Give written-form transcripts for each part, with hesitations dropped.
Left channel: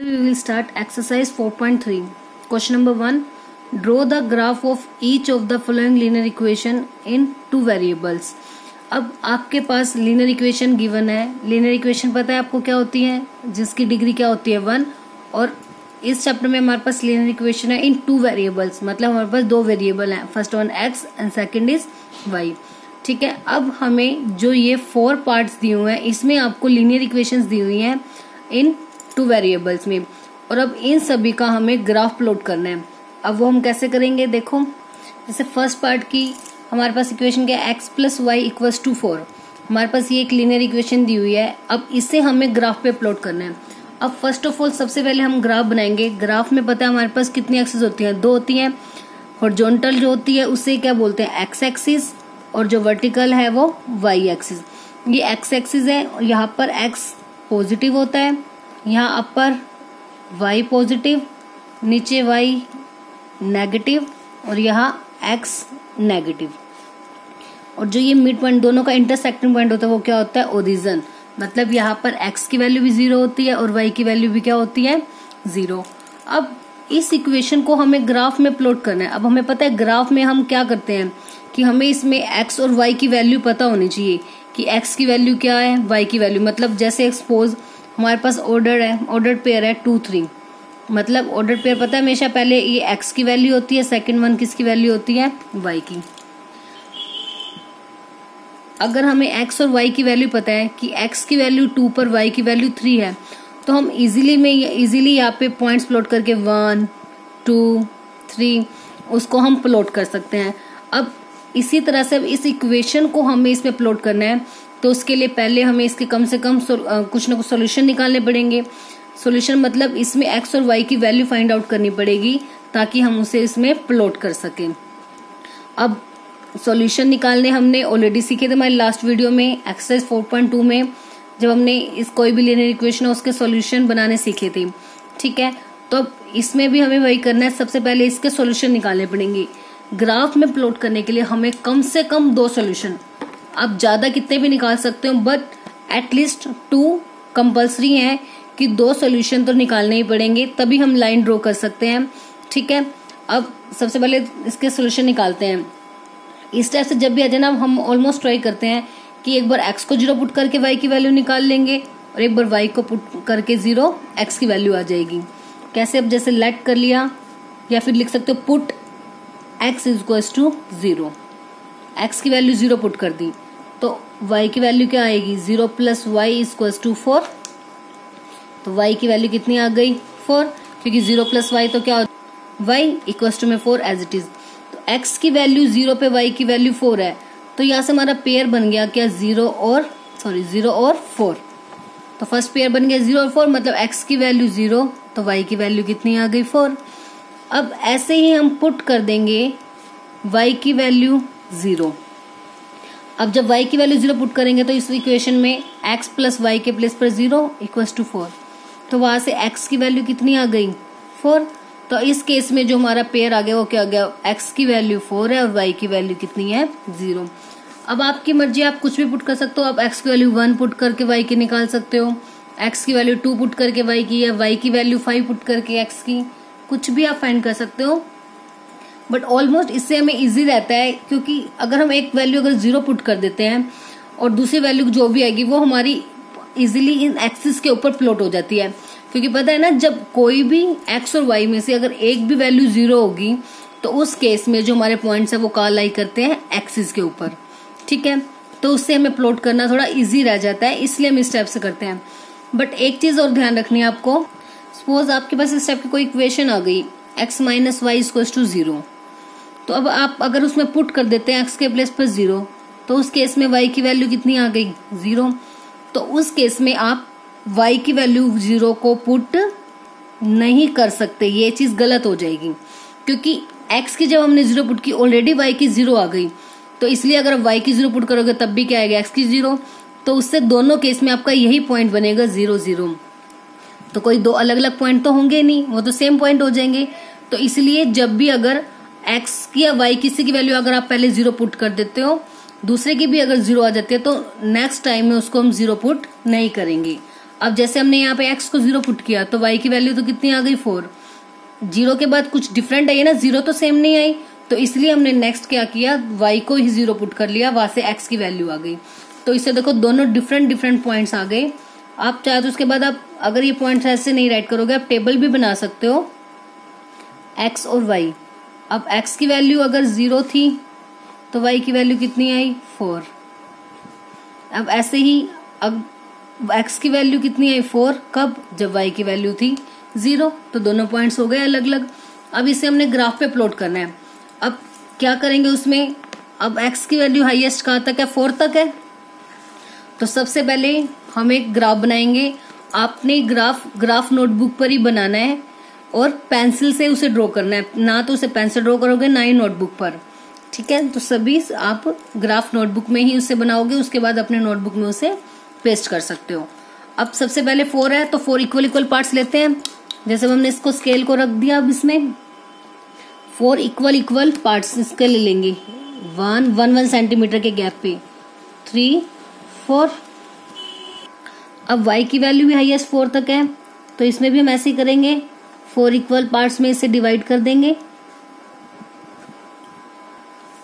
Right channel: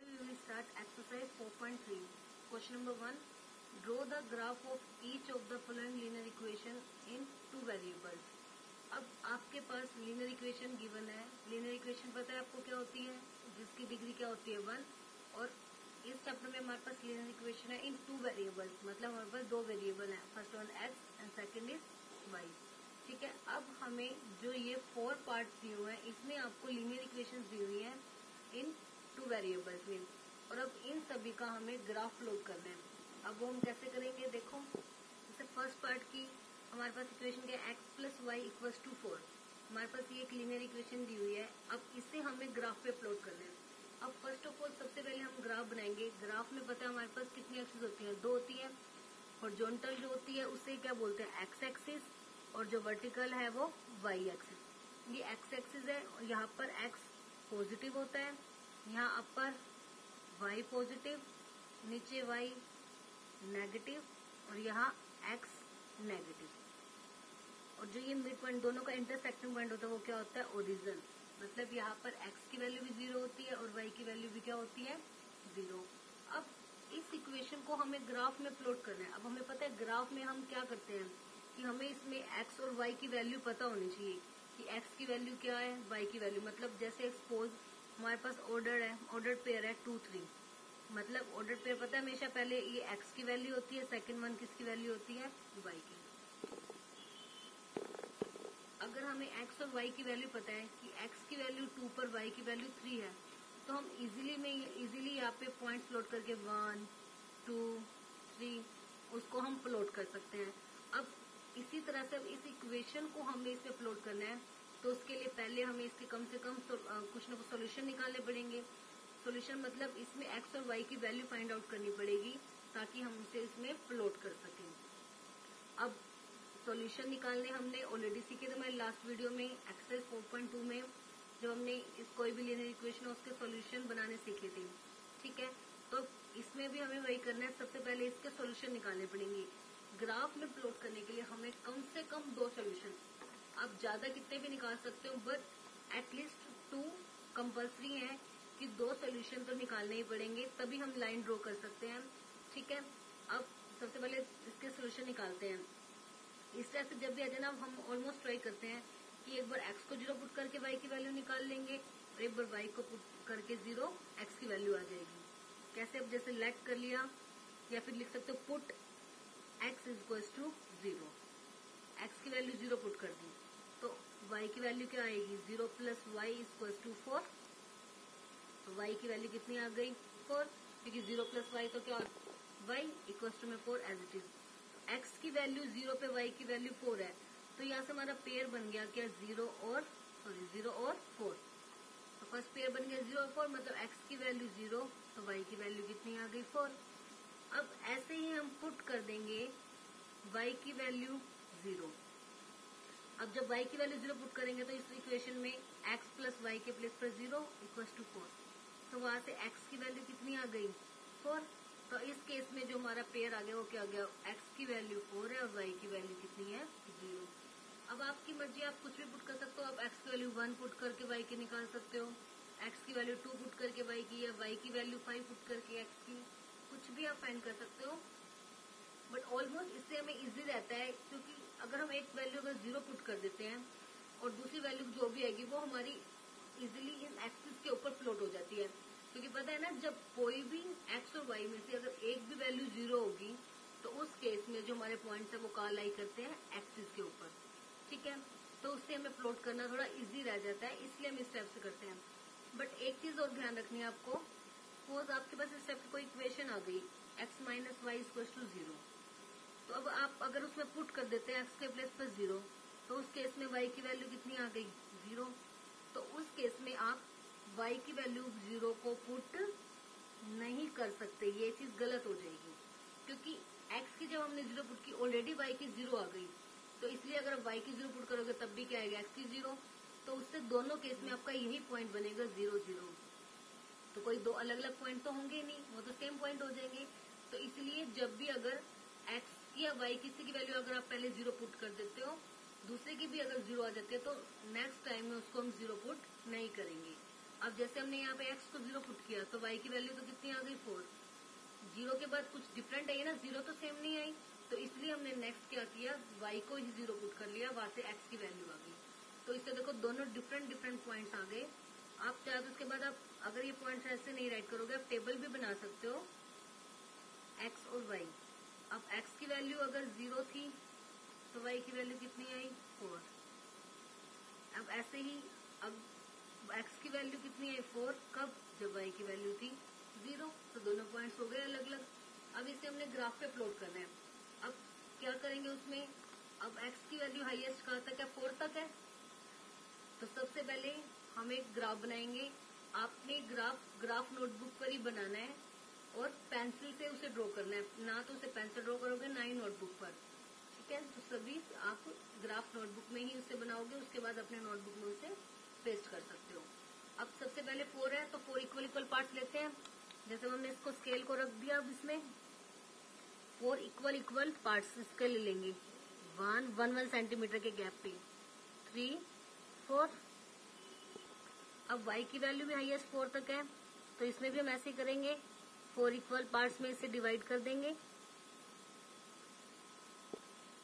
We will start exercise 4.3. Question number 1. Draw the graph of each of the following linear equation in two variables. अब आपके पास linear equation given है. Linear equation पता है आपको क्या होती है, जिसकी डिग्री क्या होती है 1. और इस चैप्टर में हमारे पास लीनियर इक्वेशन है इन टू वेरिएबल्स, मतलब हमारे पास दो वेरिएबल हैं. First one x and second is y. ठीक है. अब हमें जो ये 4 पार्ट्स दिए हुए हैं इसमें आपको लीनियर इक्वेशंस दी हुई हैं इन टू वेरिएबल्स में, और अब इन सभी का हमें ग्राफ प्लॉट करना है. अब वो हम कैसे करेंगे, देखो. जैसे फर्स्ट पार्ट की हमारे पास इक्वेशन क्या है, x plus y equals to 4. हमारे पास ये एक लीनियर इक्वेशन दी हुई है. अब इसे हमें ग्राफ पे प्लॉट करना है. अब फर्स्ट ऑफ ऑल सबसे पहले हम ग्राफ बनाएंगे. ग्राफ में पता है हमारे पास कितनी एक्सिस होती हैं, 2 होती हैं. हॉरिजॉन्टल जो होती है उसे क्या बोलते हैं, एक्स एक्सिस, और जो वर्टिकल है वो वाई एक्सिस. ये एक्स एक्सिस है और यहाँ पर एक्स पॉजिटिव होता है, यहाँ अपर y पॉजिटिव, नीचे y नेगेटिव, और यहाँ x नेगेटिव. और जो ये मिड पॉइंट दोनों का इंटरसेक्टिंग पॉइंट होता है वो क्या होता है, ओरिजिन. मतलब यहाँ पर x की वैल्यू भी 0 होती है और y की वैल्यू भी क्या होती है, 0. अब इस इक्वेशन को हमें ग्राफ में प्लॉट करना है. अब हमें पता है ग्राफ में हम क्या करते हैं कि हमें इसमें x और y की वैल्यू पता होनी चाहिए कि x की वैल्यू क्या है, y की वैल्यू. मतलब जैसे एक्सपोज हमारे पास ऑर्डर है, ऑर्डर पेयर है 2 3. मतलब ऑर्डर पेयर पता है हमेशा पहले ये x की वैल्यू होती है, सेकंड वन किसकी वैल्यू होती है, y की. अगर हमें x और y की वैल्यू पता है कि x की वैल्यू 2 पर y की वैल्यू 3 है, तो हम इजीली यहाँ पे पॉइंट्स प्लॉट करके 1 2 3 उसको हम प्लॉट कर सकते हैं. अब इसी तरह से अब इस इक्वेशन को हमें इसमें प्लॉट करना है, तो उसके लिए पहले हमें इसके कम से कम कुछ ना कुछ सॉल्यूशन निकालने पड़ेंगे. सॉल्यूशन मतलब इसमें x और y की वैल्यू फाइंड आउट करनी पड़ेगी ताकि हम उसे इसमें प्लॉट कर सकें. अब सॉल्यूशन निकालने हमने ऑलरेडी सीखे थे हमारे लास्ट वीडियो में, एक्सरसाइज 4.2 में, जब हमने इस कोई भी लीनियर इक्वेशन है उसके सॉल्यूशन बनाने सीखे थे. ठीक है. तो अब इसमें भी हमें वही करना है. सबसे पहले इसके सॉल्यूशन निकालने पड़ेंगे. ग्राफ में प्लॉट करने के लिए हमें कम से कम 2 सॉल्यूशन, आप ज्यादा कितने भी निकाल सकते हो, बट एटलीस्ट 2 कंपल्सरी है कि 2 सॉल्यूशन तो निकालने ही पड़ेंगे, तभी हम लाइन ड्रॉ कर सकते हैं. ठीक है. अब सबसे पहले इसके सॉल्यूशन निकालते हैं. इस टाइप से जब भी आ जाए ना, हम ऑलमोस्ट ट्राई करते हैं कि एक बार x को 0 पुट करके y की वैल्यू निकाल लेंगे और एक बार y को पुट करके 0 x की वैल्यू आ जाएगी. कैसे, अब जैसे लेट कर लिया, या फिर लिख सकते हो put x equals to 0. x की वैल्यू 0 पुट कर दी तो y की वैल्यू क्या आएगी, 0 प्लस वाई इक्वल्स टू 4. तो y की वैल्यू कितनी आ गई, 4, क्योंकि 0 प्लस वाई तो क्या, y इक्वल्स टू में 4 एज इट इज. तो x की वैल्यू 0 पे y की वैल्यू 4 है, तो यहाँ से हमारा पेयर बन गया क्या, 0 और 4. तो फर्स्ट पेयर बन गया 0 और 4, मतलब x की वैल्यू 0 तो y की वैल्यू कितनी आ गई, 4. अब ऐसे ही हम पुट कर देंगे y की वैल्यू 0. अब जब y की वैल्यू 0 पुट करेंगे तो इस इक्वेशन में x प्लस वाई के प्लेस पर 0 इक्वल्स टू 4. तो वहां से x की वैल्यू कितनी आ गई, 4. तो इस केस में जो हमारा पेयर आ गया वो क्या आ गया, x की वैल्यू 4 है और y की वैल्यू कितनी है, 0. अब आपकी मर्जी, आप कुछ भी पुट कर सकते हो. आप x की वैल्यू 1 पुट करके y की निकाल सकते हो, x की वैल्यू 2 पुट करके y की, या y की वैल्यू 5 पुट करके x की, कुछ भी आप फाइंड कर सकते हो. बट ऑलमोस्ट इससे हमें इजी रहता है, क्योंकि अगर हम एक वैल्यू अगर 0 पुट कर देते हैं और दूसरी वैल्यू जो भी आएगी वो हमारी इजीली इन एक्सिस के ऊपर प्लॉट हो जाती है. क्योंकि पता है ना, जब कोई भी x और y में से अगर एक भी वैल्यू 0 होगी तो उस केस में जो हमारे पॉइंट्स है वो कहाँ लाई करते हैं, एक्सिस के ऊपर. ठीक है. तो उससे हमें प्लॉट करना थोड़ा इजी रह जाता है, इसलिए हम इस टाइप से करते हैं. बट एक चीज और ध्यान रखनी है आपको. सपोज आपके पास इस टाइप की कोई इक्वेशन आ गई, x minus y equals to 0. तो अब आप अगर उसमें पुट कर देते हैं x के प्लेस पर 0, तो उस केस में y की वैल्यू कितनी आ गई, 0. तो उस केस में आप y की वैल्यू 0 को पुट नहीं कर सकते, ये चीज गलत हो जाएगी. क्योंकि x की जब हमने 0 पुट की, ऑलरेडी y की 0 आ गई, तो इसलिए अगर y की 0 पुट करोगे तब भी क्या आएगा, x की 0. तो उससे दोनों केस में आपका यही पॉइंट बनेगा 0 0. तो कोई 2 अलग अलग पॉइंट तो होंगे नहीं, वो तो सेम पॉइंट हो जाएंगे. तो इसलिए जब भी अगर x की या y किसी की वैल्यू अगर आप पहले 0 पुट कर देते हो, दूसरे की भी अगर 0 आ जाती है, तो नेक्स्ट टाइम में उसको हम 0 पुट नहीं करेंगे. अब जैसे हमने यहाँ पे x को 0 पुट किया तो y की वैल्यू तो कितनी आ गई 4। 0 के बाद कुछ डिफरेंट आई है ना, 0 तो सेम नहीं आई, तो इसलिए हमने नेक्स्ट क्या किया, y को ही 0 पुट कर लिया, वहां से x की वैल्यू आ गई। तो इससे देखो दोनों डिफरेंट पॉइंट्स आ गए। आप चाहे तो उसके बाद आप अगर ये पॉइंट्स ऐसे नहीं राइट करोगे आप टेबल भी बना सकते हो x और y। अब x की वैल्यू अगर 0 थी तो y की वैल्यू कितनी आई 4। अब ऐसे ही अब x की वैल्यू कितनी आई 4, कब, जब y की वैल्यू थी 0। तो दोनों पॉइंट्स हो गए अलग अलग। अब इसे हमने ग्राफ पे प्लॉट करना है। अब क्या करेंगे उसमें, अब x की वैल्यू हाईएस्ट कहाँ तक है, 4 तक है। तो सबसे पहले हम एक ग्राफ बनाएंगे। आपने ग्राफ नोटबुक पर ही बनाना है और पेंसिल से उसे ड्रॉ करना है, ना तो उसे पेंसिल ड्रॉ करोगे ना ही नोटबुक पर, ठीक है। तो सभी आप ग्राफ नोटबुक में ही उसे बनाओगे, उसके बाद अपने नोटबुक में उसे पेस्ट कर सकते हो। अब सबसे पहले 4 है तो 4 इक्वल पार्ट्स लेते हैं। जैसे हमने इसको स्केल को रख दिया, अब इसमें 4 इक्वल पार्ट्स इसके ले लेंगे 1 सेंटीमीटर के गैप पे 3 4। अब y की वैल्यू भी हाईएस्ट 4 तक है तो इसमें भी हम ऐसे ही करेंगे, 4 इक्वल पार्ट्स में इसे डिवाइड कर देंगे।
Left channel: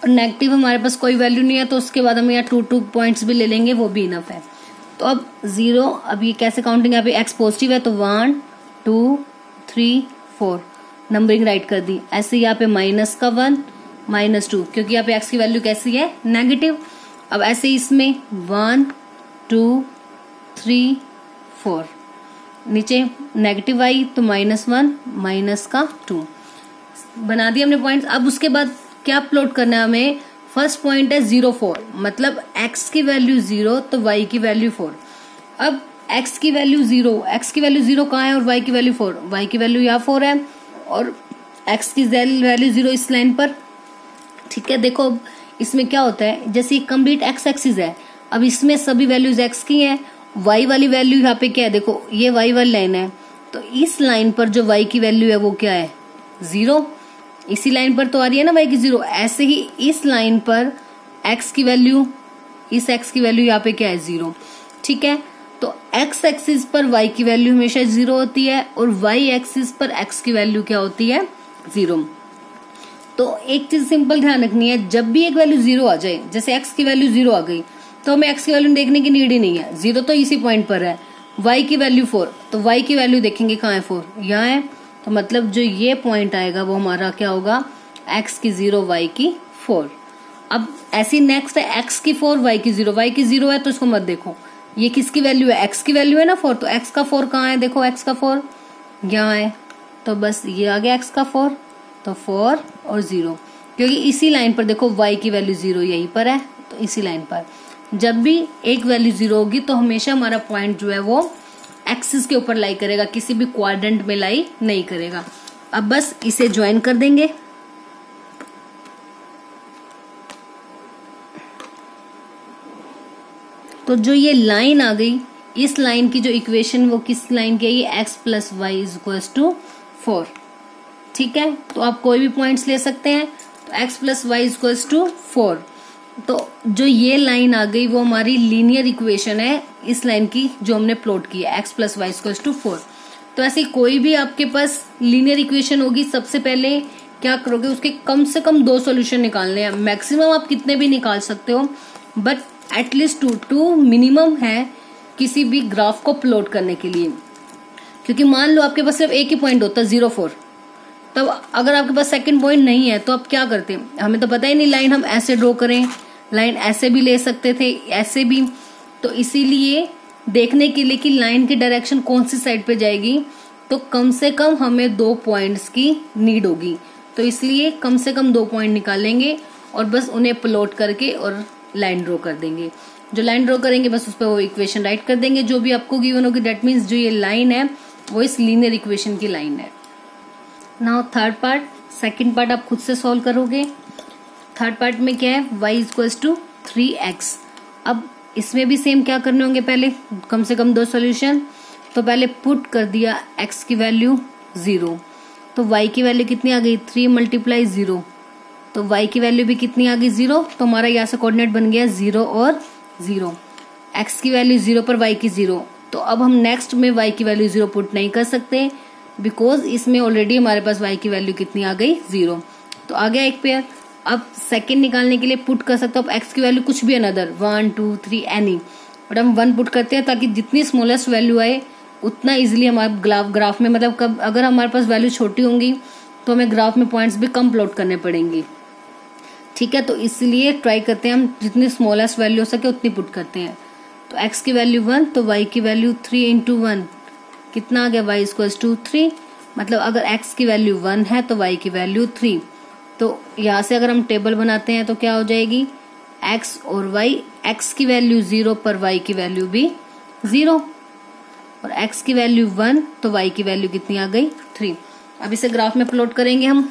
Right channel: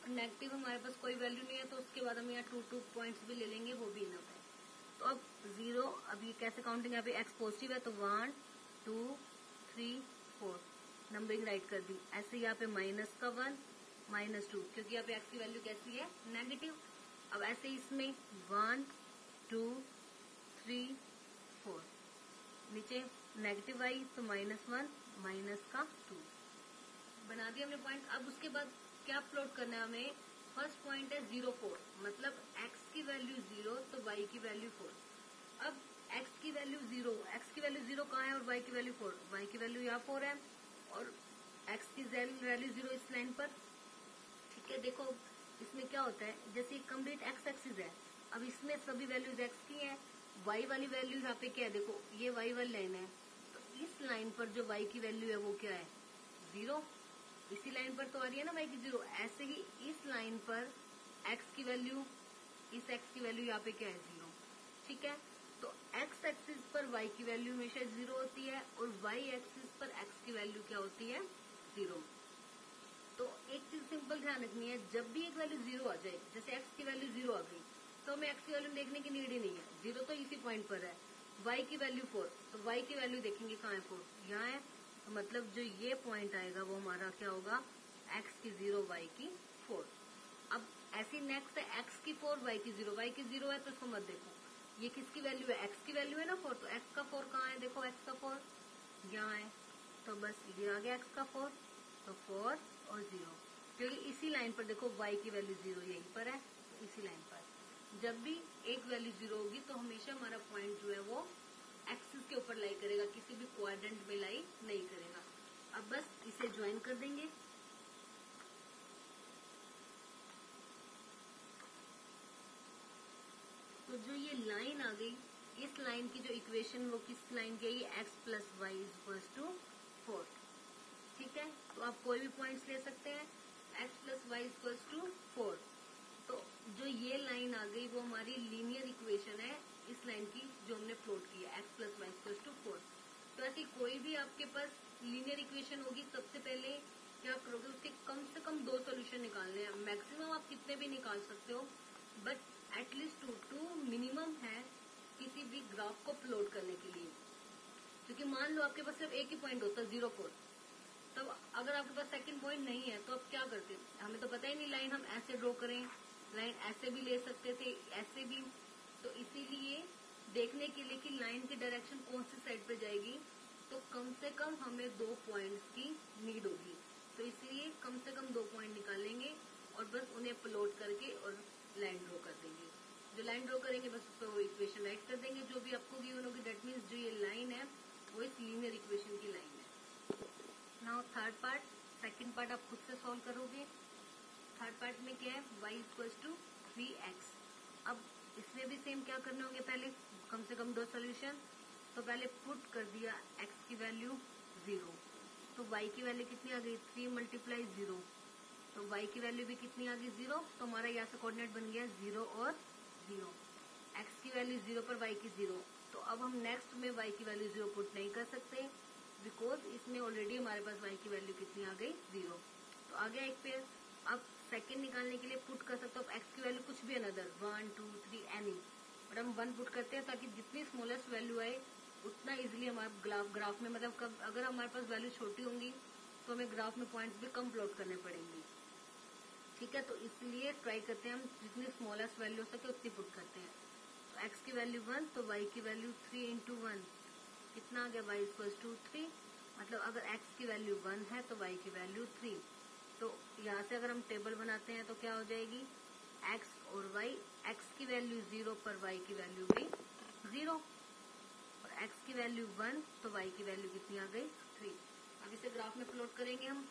और नेगेटिव हमारे पास कोई वैल्यू नहीं है तो उसके बाद हम यहाँ 2 पॉइंट्स भी ले लेंगे, वो भी इनफ है। तो अब 0, अब ये कैसे काउंटिंग, यहाँ पे x पॉजिटिव है तो 1 2 3 4 नंबरिंग राइट कर दी। ऐसे यहाँ पे -1 -2 क्योंकि यहाँ पे x की वैल्यू कैसी है, नेगेटिव। अब ऐसे इसमें 1 2 3 4 नीचे नेगेटिव आई तो -1 -2 बना दिया हमने पॉइंट्स। अब उसके बाद क्या प्लॉट करना है हमें, फर्स्ट पॉइंट है 0 4, मतलब x की वैल्यू 0 तो y की वैल्यू 4। अब x की वैल्यू 0 कहाँ है और y की वैल्यू 4, y की वैल्यू यहाँ 4 है और x की वैल्यू 0 इस लाइन पर, ठीक है। देखो अब इसमें क्या होता है, जैसे ये कंप्लीट x एक्सिस है, अब इसमें सभी वैल्यूज x की हैं, y वाली वैल्यू यहाँ पे क्या है, देखो ये y वाली लाइन है तो इस लाइन पर जो y की वैल्यू है वो क्या है 0, इसी लाइन पर तो आ रही है ना y की 0। ऐसे ही इस लाइन पर x की वैल्यू, इस x की वैल्यू यहाँ पे क्या है 0, ठीक है। तो x एक्सिस पर y की वैल्यू हमेशा 0 होती है और y एक्सिस पर x की वैल्यू क्या होती है 0। तो एक चीज सिंपल ध्यान रखनी है, जब भी एक वैल्यू 0 आ जाए, जैसे x की वैल्यू 0 आ गई तो हमें x की वैल्यू देखने की नीड ही नहीं है, 0 तो इसी पॉइंट पर है। y की वैल्यू 4 तो y की वैल्यू देखेंगे कहाँ है 4, यहाँ है, तो मतलब जो ये पॉइंट आएगा वो हमारा क्या होगा, x की 0 y की 4। अब ऐसी नेक्स्ट है x की 4 y की 0, y की 0 है तो इसको मत देखो, ये किसकी वैल्यू है, x की वैल्यू है ना 4, तो x का 4 कहाँ है, देखो x का 4 यहाँ है, तो बस ये आ गया x का 4, तो 4 और 0, क्योंकि इसी लाइन पर देखो y की वैल्यू 0 यहीं पर है, तो इसी लाइन पर जब भी एक वैल्यू 0 होगी तो हमेशा हमारा पॉइंट जो है वो एक्सिस के ऊपर लाई करेगा, किसी भी क्वाड्रेंट में लाई नहीं करेगा। अब बस इसे ज्वाइन कर देंगे, तो जो ये लाइन आ गई, इस लाइन की जो इक्वेशन वो किस लाइन की है, ये x + y = 4, ठीक है। तो आप कोई भी पॉइंट्स ले सकते हैं, तो x + y = 4। तो जो ये लाइन आ गई वो हमारी लीनियर इक्वेशन है इस लाइन की जो हमने प्लॉट की है, x + y = 4। तो ऐसी कोई भी आपके पास लीनियर इक्वेशन होगी, सबसे पहले क्या करोगे, उसके कम से कम 2 सॉल्यूशन निकालने हैं। मैक्सिमम आप कितने भी निकाल सकते हो, बट एटलीस्ट 2 मिनिमम है किसी भी ग्राफ को प्लॉट करने के लिए। क्योंकि मान लो आपके पास सिर्फ एक ही पॉइंट होता है 0 4, तब अगर आपके पास सेकंड पॉइंट नहीं है तो आप क्या करते हैं, हमें तो पता ही नहीं लाइन हम ऐसे ड्रॉ करें, लाइन ऐसे भी ले सकते थे, ऐसे भी। तो इसीलिए देखने के लिए कि लाइन की डायरेक्शन कौन सी साइड पे जाएगी, तो कम से कम हमें 2 पॉइंट्स की नीड होगी, तो इसलिए कम से कम 2 पॉइंट निकालेंगे और बस उन्हें प्लॉट करके और लाइन ड्रॉ कर देंगे। जो लाइन ड्रॉ करेंगे बस उस पर वो इक्वेशन राइट कर देंगे जो भी आपको गिवन होगी। दैट मीन्स जो ये लाइन है वो इस लीनियर इक्वेशन की लाइन है। Now third part, second part आप खुद से सॉल्व करोगे। थर्ड पार्ट में क्या है, y = 3x। अब इसमें भी सेम क्या करने होंगे, पहले कम से कम 2 सॉल्यूशन। तो पहले पुट कर दिया x की वैल्यू 0, तो y की वैल्यू कितनी आ गई 3 × 0, तो y की वैल्यू भी कितनी आ गई 0, तो हमारा यहाँ से कोऑर्डिनेट बन गया 0 और 0। x की वैल्यू 0 पर y की 0, तो अब हम नेक्स्ट में y की वैल्यू 0 पुट नहीं कर सकते, बिकॉज इसमें ऑलरेडी हमारे पास y की वैल्यू कितनी आ गई 0। तो आ गया एक पेयर। अब सेकंड निकालने के लिए पुट कर सकते हो अब x की वैल्यू कुछ भी अनदर 1 2 3 एनी, बट हम 1 पुट करते हैं ताकि जितनी स्मॉलेस्ट वैल्यू आए उतना इजीली हमारे ग्राफ में, मतलब कब अगर हमारे पास वैल्यू छोटी होंगी तो हमें ग्राफ में पॉइंट्स भी कम प्लॉट करने पड़ेंगे। ठीक है, तो इसलिए ट्राई करते हैं हम जितनी स्मॉलेस्ट वैल्यू हो सके उतनी पुट करते हैं। तो x की वैल्यू 1 तो y की वैल्यू 3 इंटू 1 कितना आ गया, y इक्वल्स टू 3। मतलब अगर x की वैल्यू 1 है तो y की वैल्यू 3। तो यहाँ से अगर हम टेबल बनाते हैं तो क्या हो जाएगी, x और y, x की वैल्यू 0 पर y की वैल्यू भी 0, और x की वैल्यू 1 तो y की वैल्यू कितनी आ गई 3। अब इसे ग्राफ में प्लॉट करेंगे हम।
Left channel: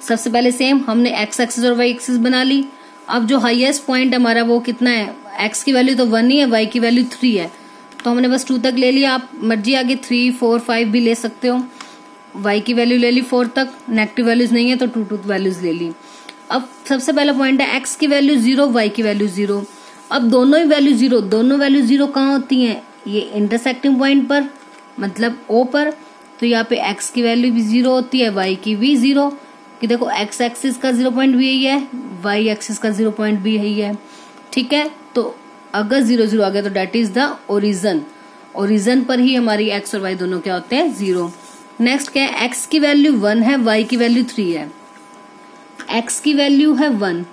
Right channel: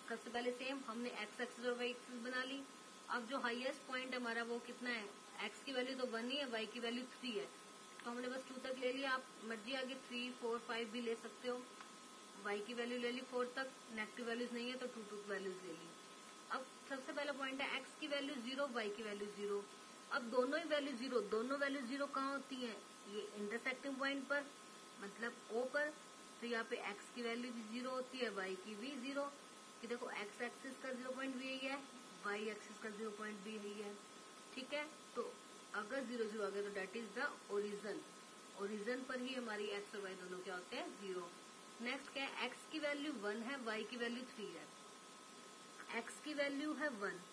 सबसे पहले सेम हमने x एक्सिस और y एक्सिस बना ली। अब जो हाईएस्ट पॉइंट हमारा वो कितना है, x की वैल्यू तो 1 ही है, y की वैल्यू 3 है, तो हमने बस 2 तक ले लिया। आप मर्जी आगे 3 4 5 भी ले सकते हो। y की वैल्यू ले ली 4 तक, नेगेटिव वैल्यूज नहीं है तो 2 वैल्यूज ले ली। अब सबसे पहला पॉइंट है x की वैल्यू 0 y की वैल्यू 0। अब दोनों ही वैल्यू 0, दोनों वैल्यू 0 कहाँ होती हैं, ये इंटरसेक्टिंग पॉइंट पर, मतलब O पर। तो यहाँ पे x की वैल्यू भी 0 होती है, y की भी 0, कि देखो x एक्सिस का 0 पॉइंट भी यही है, y एक्सिस का 0 पॉइंट भी यही है। ठीक है, तो अगर 0 0 आ गया तो that is the origin, origin पर ही हमारी x और y दोनों क्या होते हैं 0। नेक्स्ट क्या है, x की वैल्यू 1 है, y की वैल्यू 3 है। x की वैल्यू है 1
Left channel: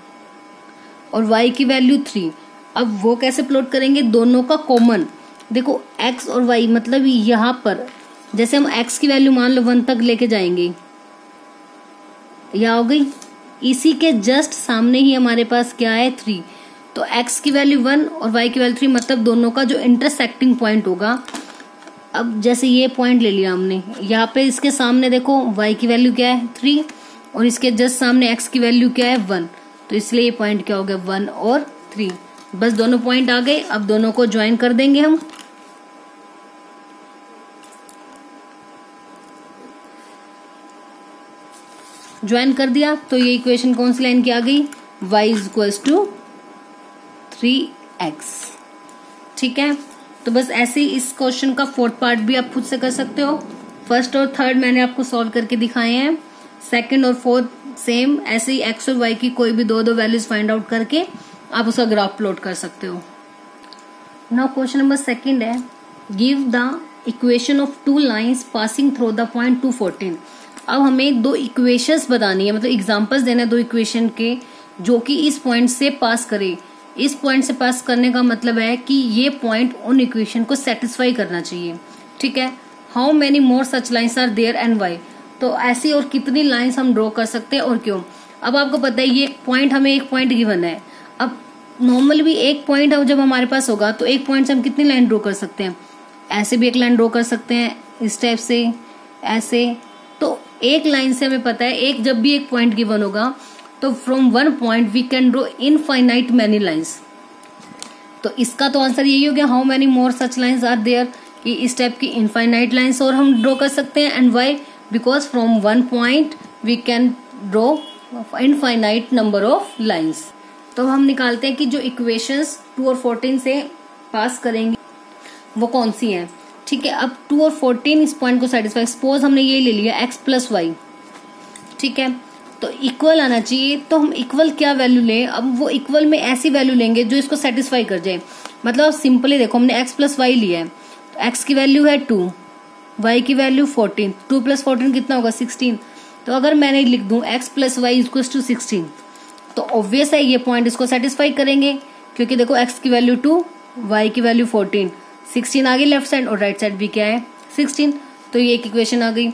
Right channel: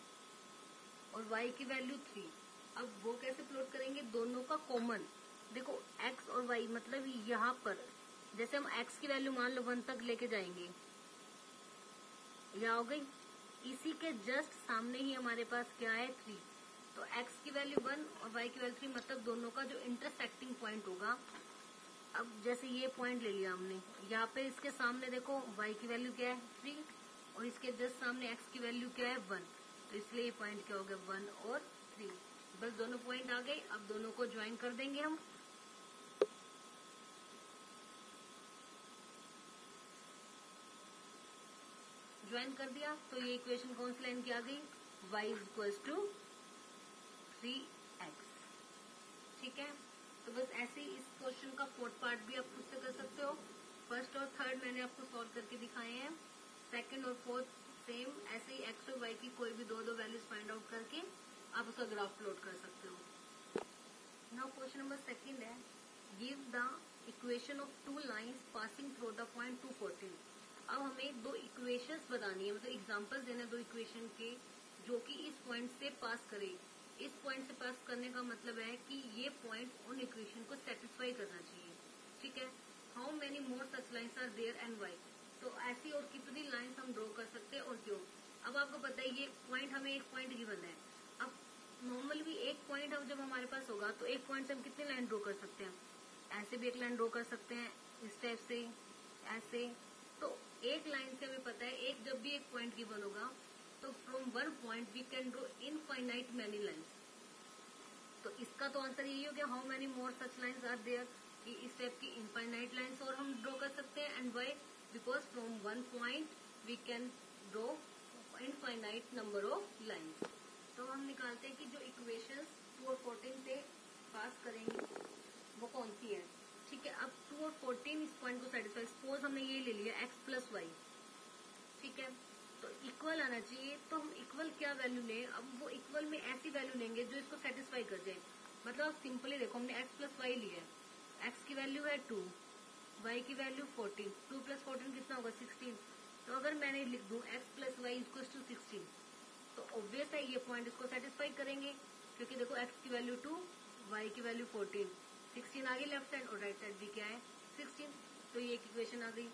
और y की वैल्यू 3। अब वो कैसे प्लॉट करेंगे, दोनों का कॉमन। देखो x और y, मतलब यहाँ पर जैसे हम x की वैल्यू मान लो 1 तक लेके जाएंगे, यह हो गई, इसी के जस्ट सामने ही हमारे पास क्या है 3। तो x की वैल्यू 1 और y की वैल्यू 3, मतलब दोनों का जो इंटरसेक्टिंग पॉइंट होगा। अब जैसे ये पॉइंट ले लिया हमने, यहाँ पे इसके सामने देखो y की वैल्यू क्या है 3 और इसके जस्ट सामने x की वैल्यू क्या है 1, तो इसलिए ये पॉइंट क्या हो गया 1 और 3। बस दोनों पॉइंट आ गए। अब दोनों को ज्वाइन कर देंगे हम। ज्वाइन कर दिया तो ये इक्वेशन कौन सी लाइन की आ गई, y is equals to 3x। ठीक है, तो बस ऐसे ही इस क्वेश्चन का फोर्थ पार्ट भी आप खुद से कर सकते हो। फर्स्ट और थर्ड मैंने आपको सॉल्व करके दिखाए हैं, सेकंड और फोर्थ सेम ऐसे ही x और y की कोई भी दो वैल्यूज फाइंड आउट करके आप उसका ग्राफ प्लॉट कर सकते हो। नाउ क्वेश्चन नंबर सेकंड है, give the equation of 2 lines passing through the point 214। अब हमें 2 इक्वेशंस बतानी है, मतलब एग्जांपल्स देने 2 इक्वेशन के जो कि इस पॉइंट से पास करे। इस पॉइंट से पास करने का मतलब है कि ये पॉइंट उन इक्वेशन को सेटिस्फाई करना चाहिए। ठीक है, how many more such lines are there and why. तो ऐसी और कितनी लाइन्स हम ड्रॉ कर सकते हैं और क्यों। अब आपको पता है ये पॉइंट, हमें एक पॉइंट गिवन है। अब नॉर्मल भी एक पॉइंट जब हमारे पास होगा तो एक पॉइंट से हम कितनी लाइन ड्रॉ कर सकते हैं, ऐसे भी एक लाइन ड्रॉ कर सकते हैं, इस टाइप से, ऐसे। तो एक लाइन से हमें पता है एक जब भी एक पॉइंट गिवन होगा तो from one point we can draw infinite many lines. तो इसका तो आंसर यही हो गया, how many more such lines are there, कि इस टाइप की इनफाइनाइट लाइंस और हम ड्रॉ कर सकते हैं। And why, because from one point we can draw infinite number of lines. तो हम निकालते हैं कि जो इक्वेशंस 2 और 14 से पास करेंगे वो कौन सी हैं। ठीक है, अब 2 और 14 इस पॉइंट को सेटिस्फाई, सपोज हमने ये ले लिया x प्लस वाई। ठीक है, तो इक्वल आना चाहिए। तो हम इक्वल क्या वैल्यू लें, अब वो इक्वल में ऐसी वैल्यू लेंगे जो इसको सेटिस्फाई कर जाए। मतलब सिंपली देखो, हमने x प्लस वाई लिया है, तो x की वैल्यू है 2, y की वैल्यू 14, 2 प्लस 14 कितना होगा 16। तो अगर मैंने लिख दूं x plus y equal to 16, तो ऑब्वियस है ये पॉइंट इसको सेटिस्फाई करेंगे, क्योंकि देखो x की वैल्यू 2, y की वैल्यू 14, 16 आ गई लेफ्ट साइड और राइट साइड भी क्या है 16। तो ये एक इक्वेशन आ गई।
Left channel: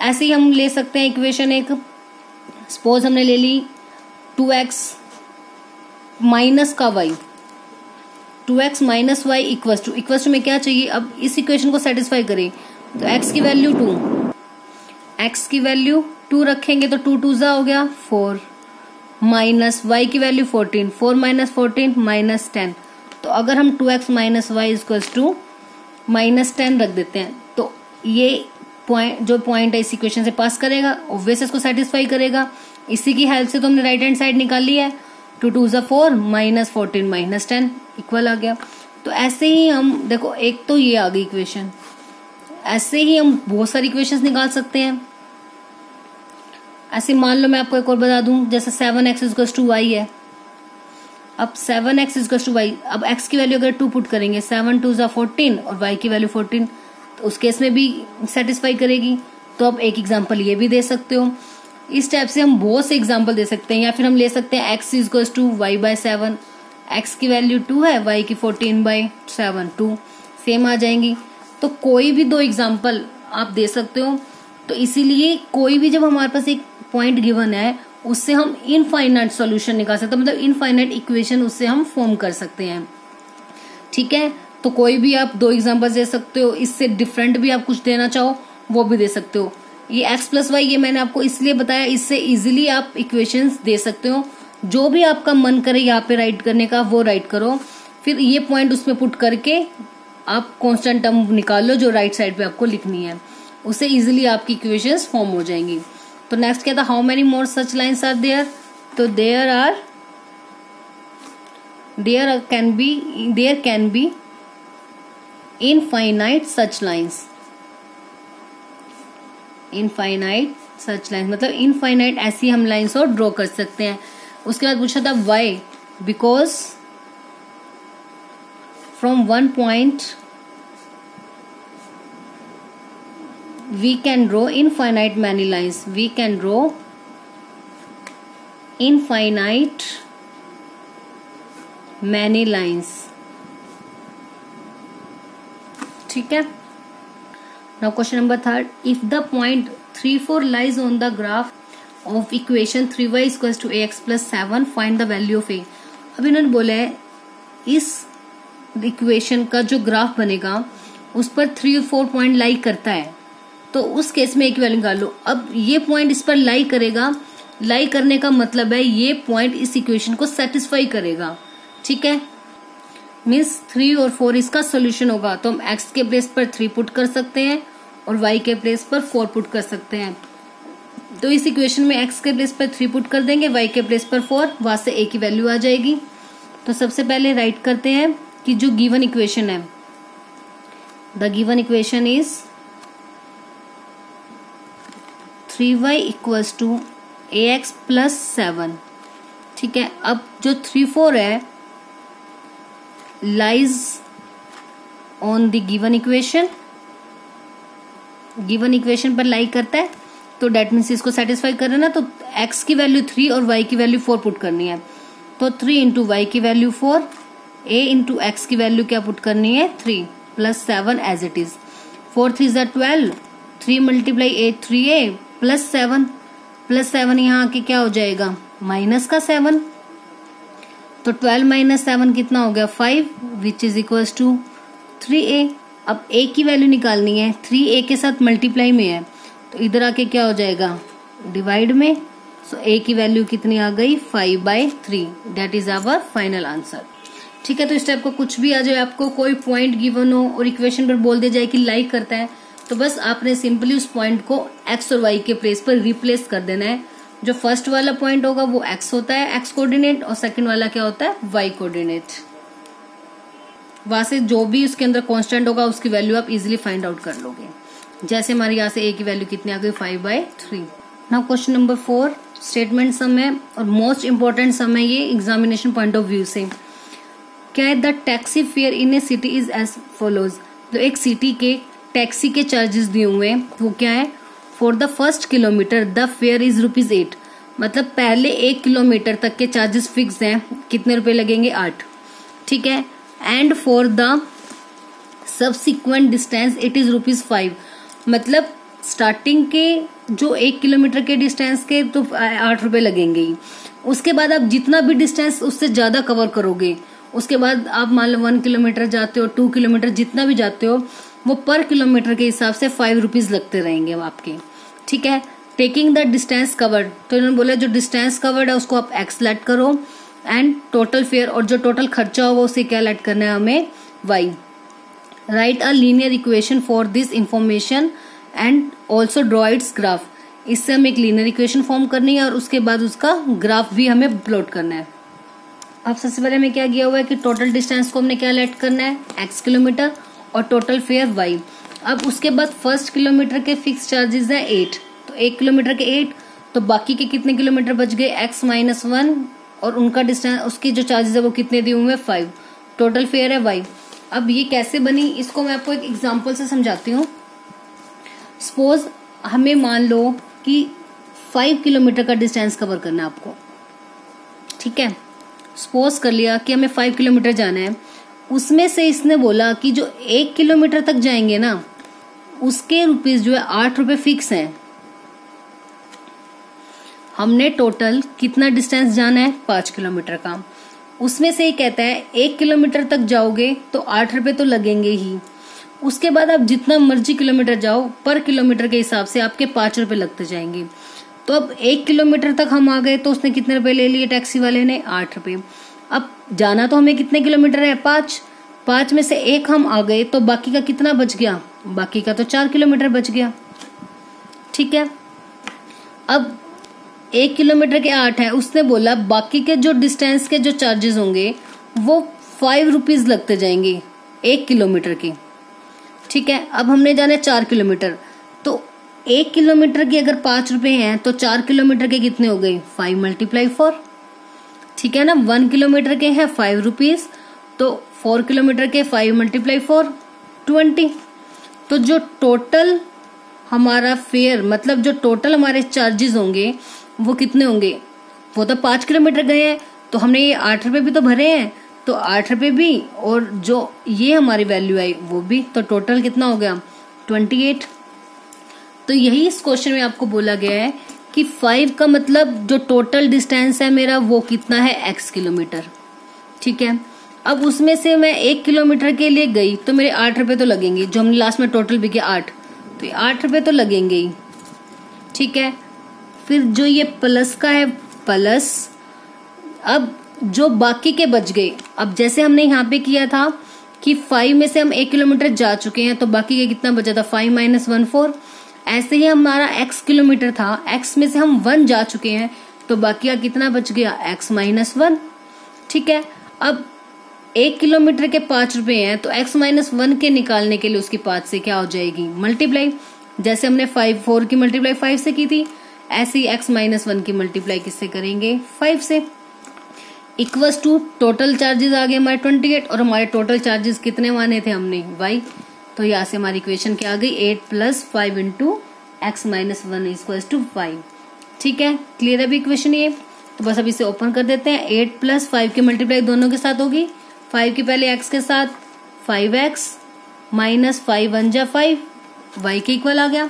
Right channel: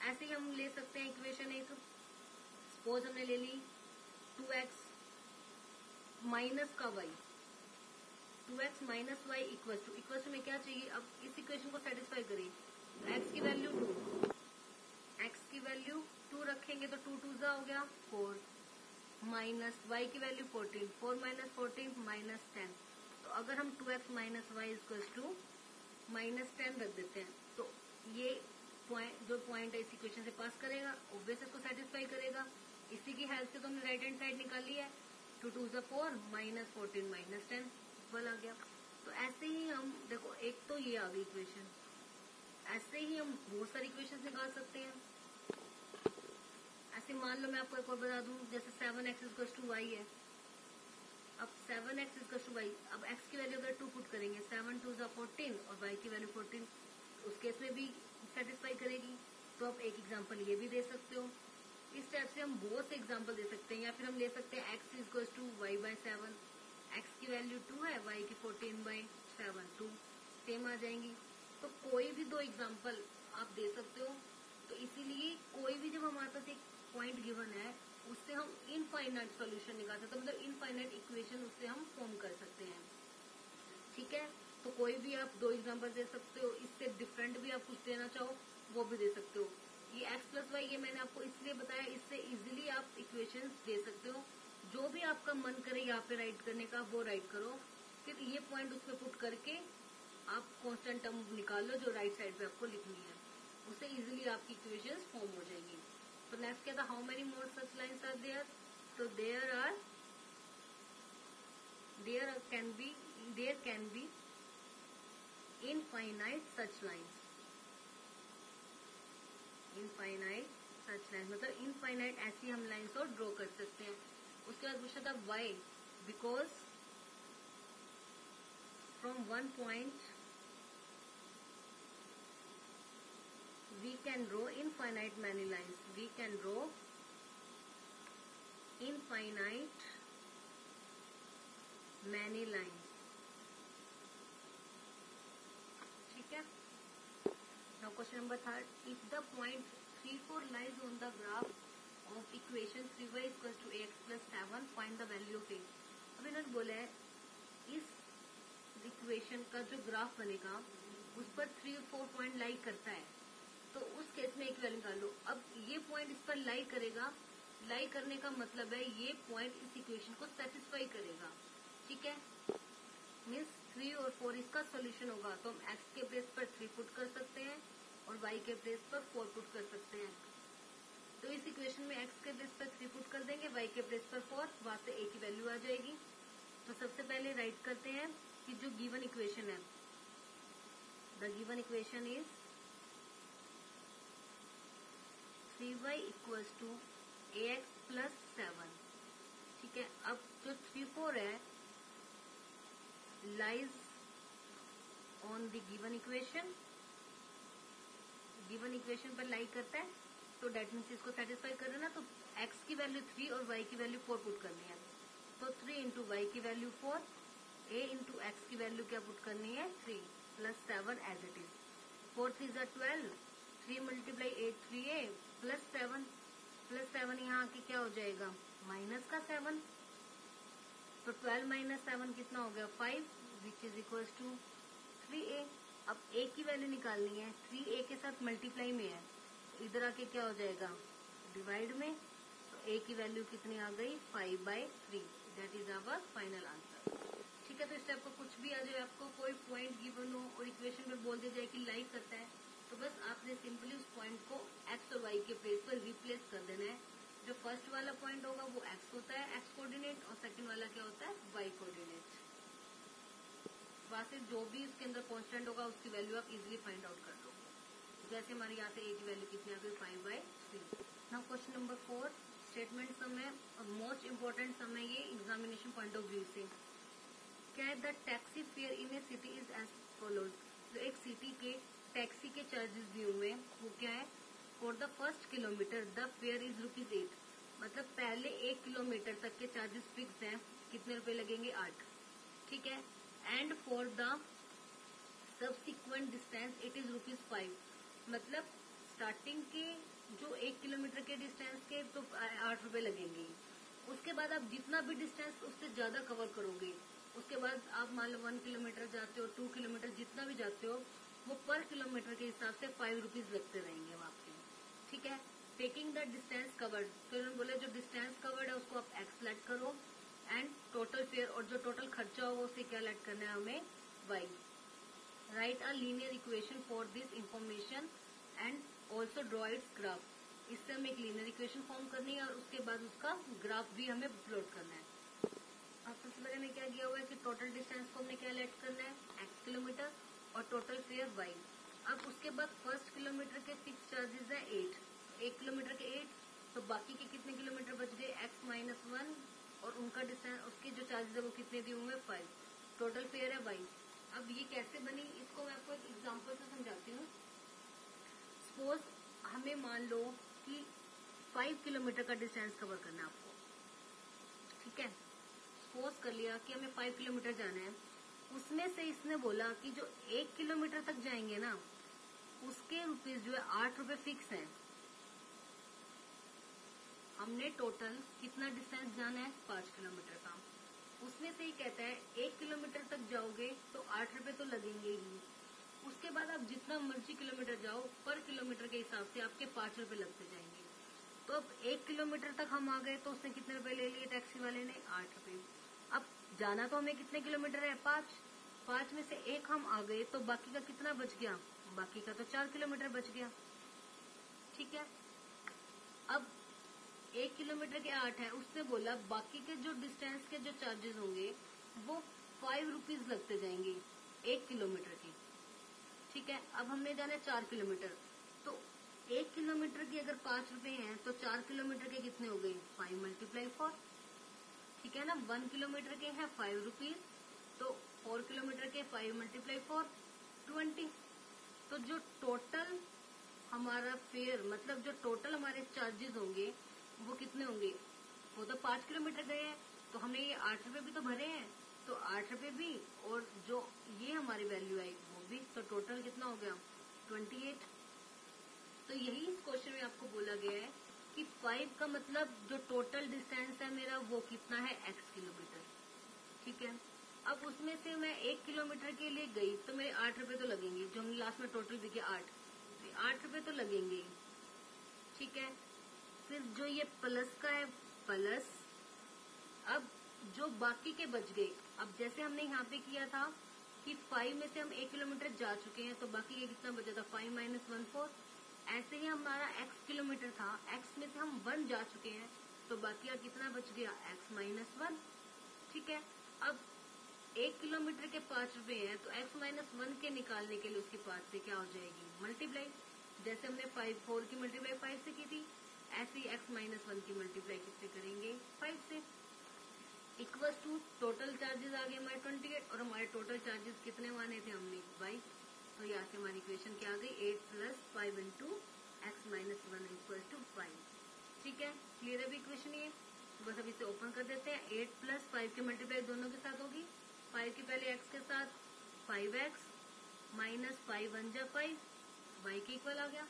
ऐसे ही हम ले सकते हैं इक्वेशन एक, सपोज हमने ले ली 2x माइनस का y, 2x minus y equals to में क्या चाहिए, अब इस इक्वेशन को सेटिस्फाई करें तो x की वैल्यू 2, x की वैल्यू 2 रखेंगे तो 2 2 हो गया 4, माइनस y की वैल्यू 14, 4 माइनस 14 माइनस 10। तो अगर हम 2x minus y equals to minus 10 रख देते हैं तो ये पॉइंट, जो पॉइंट है इस इक्वेशन से पास करेगा, ऑब्वियस इसको सेटिस्फाई करेगा। इसी की हेल्प से तो हमने राइट हैंड साइड निकाल ली है, 2 2 4 माइनस 14 माइनस 10 इक्वल आ गया। तो ऐसे ही हम देखो, एक तो ये आ गई इक्वेशन, ऐसे ही हम बहुत सारी इक्वेशंस निकाल सकते हैं। ऐसे मान लो मैं आपको एक और बता दूं, जैसे 7x इक्वल्स टू वाई है। अब 7x इक्वल्स टू वाई, अब x की वैल्यू अगर 2 पुट करेंगे, 7 2 = 14 और y की वैल्यू 14, तो उस केस में भी सेटिस्फाई करेगी। तो अब एक एग्जांपल ये भी दे सकते हो। इस टाइप से हम बहुत से एग्जांपल दे सकते हैं। या फिर हम ले सकते हैं x equals to y by 7, x की वैल्यू 2 है, y की 14/7, 2 सेम आ जाएंगी। तो कोई भी 2 एग्जांपल आप दे सकते हो। तो इसीलिए कोई भी जब हमारे पास एक पॉइंट गिवन है, उससे हम इनफाइनाइट सॉल्यूशन निकाल सकते हैं, मतलब इनफाइनाइट इक्वेशन उससे हम फॉर्म कर सकते हैं। ठीक है, तो कोई भी आप 2 एग्जांपल दे सकते हो। इससे डिफरेंट भी आप कुछ देना चाहो वो भी दे सकते हो। ये x प्लस वाई ये मैंने आपको इसलिए बताया, इससे इजीली आप इक्वेशंस दे सकते हो। जो भी आपका मन करे यहाँ पे राइट करने का वो राइट करो, फिर ये पॉइंट उसमें पुट करके आप कांस्टेंट टर्म निकाल लो जो राइट साइड पे आपको लिखनी है, उससे इजीली आपकी इक्वेशंस फॉर्म हो जाएंगी। तो नेक्स्ट क्या था, how many more such lines are there. तो there can be infinite such lines. Infinite such lines मतलब इनफाइनाइट ऐसी हम लाइन्स और ड्रॉ कर सकते हैं। उसके बाद पूछा था why, because from one point we can draw infinite many lines. We can draw infinite many lines. ठीक है। Now question number 3. If the point 3 4 lies on the graph of equation 3y equals to ax plus 7, find the value of a. अब इन्होंने बोला है इस equation का जो graph बनेगा उस पर 3 और 4 पॉइंट लाई करता है, तो उस केस में एक वैल्यू निकाल लो। अब ये पॉइंट इस पर लाई करेगा, लाई करने का मतलब है ये पॉइंट इस इक्वेशन को सेटिस्फाई करेगा। ठीक है, मीन्स 3 और 4 इसका सोल्यूशन होगा। तो हम x के प्लेस पर 3 पुट कर सकते हैं और y के प्लेस पर 4 पुट कर सकते हैं। तो इस इक्वेशन में x के प्लेस पर 3 पुट कर देंगे, y के प्लेस पर 4, वहां से a की वैल्यू आ जाएगी। तो सबसे पहले राइट करते हैं कि जो गिवन इक्वेशन है, the given equation is 3y equals to ax plus 7। ठीक है, अब जो 3 4 है lies on the given equation, given equation पर लाई करता है, तो डेट मीन्स इसको सेटिस्फाई कर रहे ना। तो x की वैल्यू 3 और y की वैल्यू 4 पुट करनी है। तो 3 इंटू वाई की वैल्यू 4, a इंटू एक्स की वैल्यू क्या पुट करनी है 3 plus 7 as it is. 4 3 = 12, 3 multiply 8 3a plus 7, plus 7 यहाँ आके क्या हो जाएगा माइनस का 7। तो 12 माइनस 7 कितना हो गया 5, which is equals to 3a। अब a की वैल्यू निकालनी है, 3a के साथ मल्टीप्लाई में है, तो इधर आके क्या हो जाएगा डिवाइड में। सो a की वैल्यू कितनी आ गई 5/3, that is our final answer. ठीक है, तो इस टाइप का कुछ भी आ जाए, आपको कोई पॉइंट गिवन हो और इक्वेशन पर बोल दिया जाए कि लाइक करता है, तो बस आपने सिंपली उस पॉइंट को x और y के प्लेस पर रिप्लेस कर देना है। जो फर्स्ट वाला पॉइंट होगा वो x होता है, x कोऑर्डिनेट, और सेकंड वाला क्या होता है y कोऑर्डिनेट। वहां से जो भी उसके अंदर कांस्टेंट होगा उसकी वैल्यू आप इजीली फाइंड आउट कर लोगे। जैसे हमारे यहाँ से a की वैल्यू कितनी आ गई 5/3। Now question number 4 statement sum है और मोस्ट इंपॉर्टेंट सम है ये एग्जामिनेशन पॉइंट ऑफ व्यू से। क्या है, the taxi fare in a city is as follows. तो एक सिटी के टैक्सी के चार्जेस दिए हुए हैं, वो क्या है, for the first kilometre the fair is ₹8। मतलब पहले 1 किलोमीटर तक के चार्जेस फिक्स हैं, कितने रुपए लगेंगे 8। ठीक है, and for the subsequent distance it is ₹5। मतलब स्टार्टिंग के जो 1 किलोमीटर के डिस्टेंस के तो 8 रुपए लगेंगे ही। उसके बाद आप जितना भी डिस्टेंस उससे ज्यादा कवर करोगे, उसके बाद आप मान लो 1 किलोमीटर जाते हो, 2 किलोमीटर जितना भी जाते हो, वो पर किलोमीटर के हिसाब से 5 रुपीज लगते रहेंगे आपके। ठीक है, टेकिंग द डिस्टेंस कवर्ड, तो इन्होंने बोला जो डिस्टेंस कवर्ड है उसको आप x लेट करो, एंड टोटल फेयर, और जो टोटल खर्चा होगा उसे क्या लेट करना है हमें y। Right a linear equation for this information and also draw it's graph. इससे हमें एक लीनियर इक्वेशन फॉर्म करनी है और उसके बाद उसका ग्राफ भी हमें प्लॉट करना है। अब सबसे पहले हमें क्या किया हुआ है कि टोटल डिस्टेंस को हमने क्या लेट करना है, x किलोमीटर, और टोटल फेयर y। अब उसके बाद फर्स्ट किलोमीटर के फिक्स चार्जेस है 8, तो 1 किलोमीटर के 8, तो बाकी के कितने किलोमीटर बच गए, x माइनस 1, और उनका डिस्टेंस, उसकी जो चार्जेस है वो कितने दिए हुए हैं, 5। टोटल फेयर है y। अब ये कैसे बनी, इसको मैं आपको एक एग्जांपल से समझाती हूँ। सपोज हमें मान लो कि 5 किलोमीटर का डिस्टेंस कवर करना है आपको, ठीक है। सपोज कर लिया कि हमें 5 किलोमीटर जाना है, उसमें से इसने बोला कि जो 1 किलोमीटर तक जाएंगे ना, उसके रुपीज जो है 8 रुपए फिक्स हैं। हमने टोटल कितना डिस्टेंस जाना है, 5 किलोमीटर का, उसमें से ये कहता है 1 किलोमीटर तक जाओगे तो 8 रुपए तो लगेंगे ही। उसके बाद आप जितना मर्जी किलोमीटर जाओ, पर किलोमीटर के हिसाब से आपके 5 रुपए लगते जाएंगे। तो अब 1 किलोमीटर तक हम आ गए तो उसने कितने रुपए ले लिए टैक्सी वाले ने, 8 रुपए। अब जाना तो हमें कितने किलोमीटर है, 5 में से 1 हम आ गए तो बाकी का कितना बच गया, बाकी का तो 4 किलोमीटर बच गया, ठीक है। अब 1 किलोमीटर के 8 है, उसने बोला बाकी के जो डिस्टेंस के जो चार्जेस होंगे वो 5 रुपीज लगते जाएंगे 1 किलोमीटर के, ठीक है। अब हमने जाना 4 किलोमीटर, तो 1 किलोमीटर की अगर 5 रुपए हैं तो 4 किलोमीटर के कितने हो गए, 5 मल्टीप्लाई 4, ठीक है ना। 1 किलोमीटर के हैं 5 रुपीज, तो 4 किलोमीटर के 5 मल्टीप्लाई 4, 20। तो जो टोटल हमारा फेयर, मतलब जो टोटल हमारे चार्जेस होंगे वो कितने होंगे, वो तो 5 किलोमीटर गए हैं, तो हमने ये 8 रुपए भी तो भरे हैं, तो 8 रुपए भी, और जो ये हमारी वैल्यू आई वो भी, तो टोटल कितना हो गया, 28। तो यही इस क्वेश्चन में आपको बोला गया है कि 5 का मतलब जो टोटल डिस्टेंस है मेरा वो कितना है, x किलोमीटर, ठीक है। अब उसमें से मैं 1 किलोमीटर के लिए गई तो मेरे 8 रुपए तो लगेंगे, जो हमने लास्ट में टोटल भी किया 8, तो 8 रुपए तो लगेंगे ही, ठीक है। फिर जो ये प्लस का है प्लस, अब जो बाकी के बच गए, अब जैसे हमने यहाँ पे किया था कि 5 में से हम 1 किलोमीटर जा चुके हैं तो बाकी के कितना बचा था, 5 माइनस 1 4। ऐसे ही हमारा x किलोमीटर था, x में से हम 1 जा चुके हैं तो बाकी का कितना बच गया, x माइनस 1, ठीक है। अब 1 किलोमीटर के 5 रुपए हैं तो x माइनस 1 के निकालने के लिए उसकी 5 से क्या हो जाएगी, मल्टीप्लाई। जैसे हमने 4 की मल्टीप्लाई 5 से की थी, ऐसे ही x माइनस 1 की मल्टीप्लाई किससे करेंगे, 5 से। इक्वल्स टू टोटल चार्जेस आ गए हमारे 28, और हमारे टोटल चार्जेस कितने माने थे हमने, y। तो यहाँ से हमारी इक्वेशन क्या आ गई, 8 plus 5 into x minus 1 equals to 5, ठीक है। क्लियर है अभी इक्वेशन ये, तो बस अब इसे ओपन कर देते हैं। 8 प्लस 5 की मल्टीप्लाई दोनों के साथ होगी, 5 की पहले x के साथ, 5x माइनस 5 1 जा 5, y के इक्वल आ गया।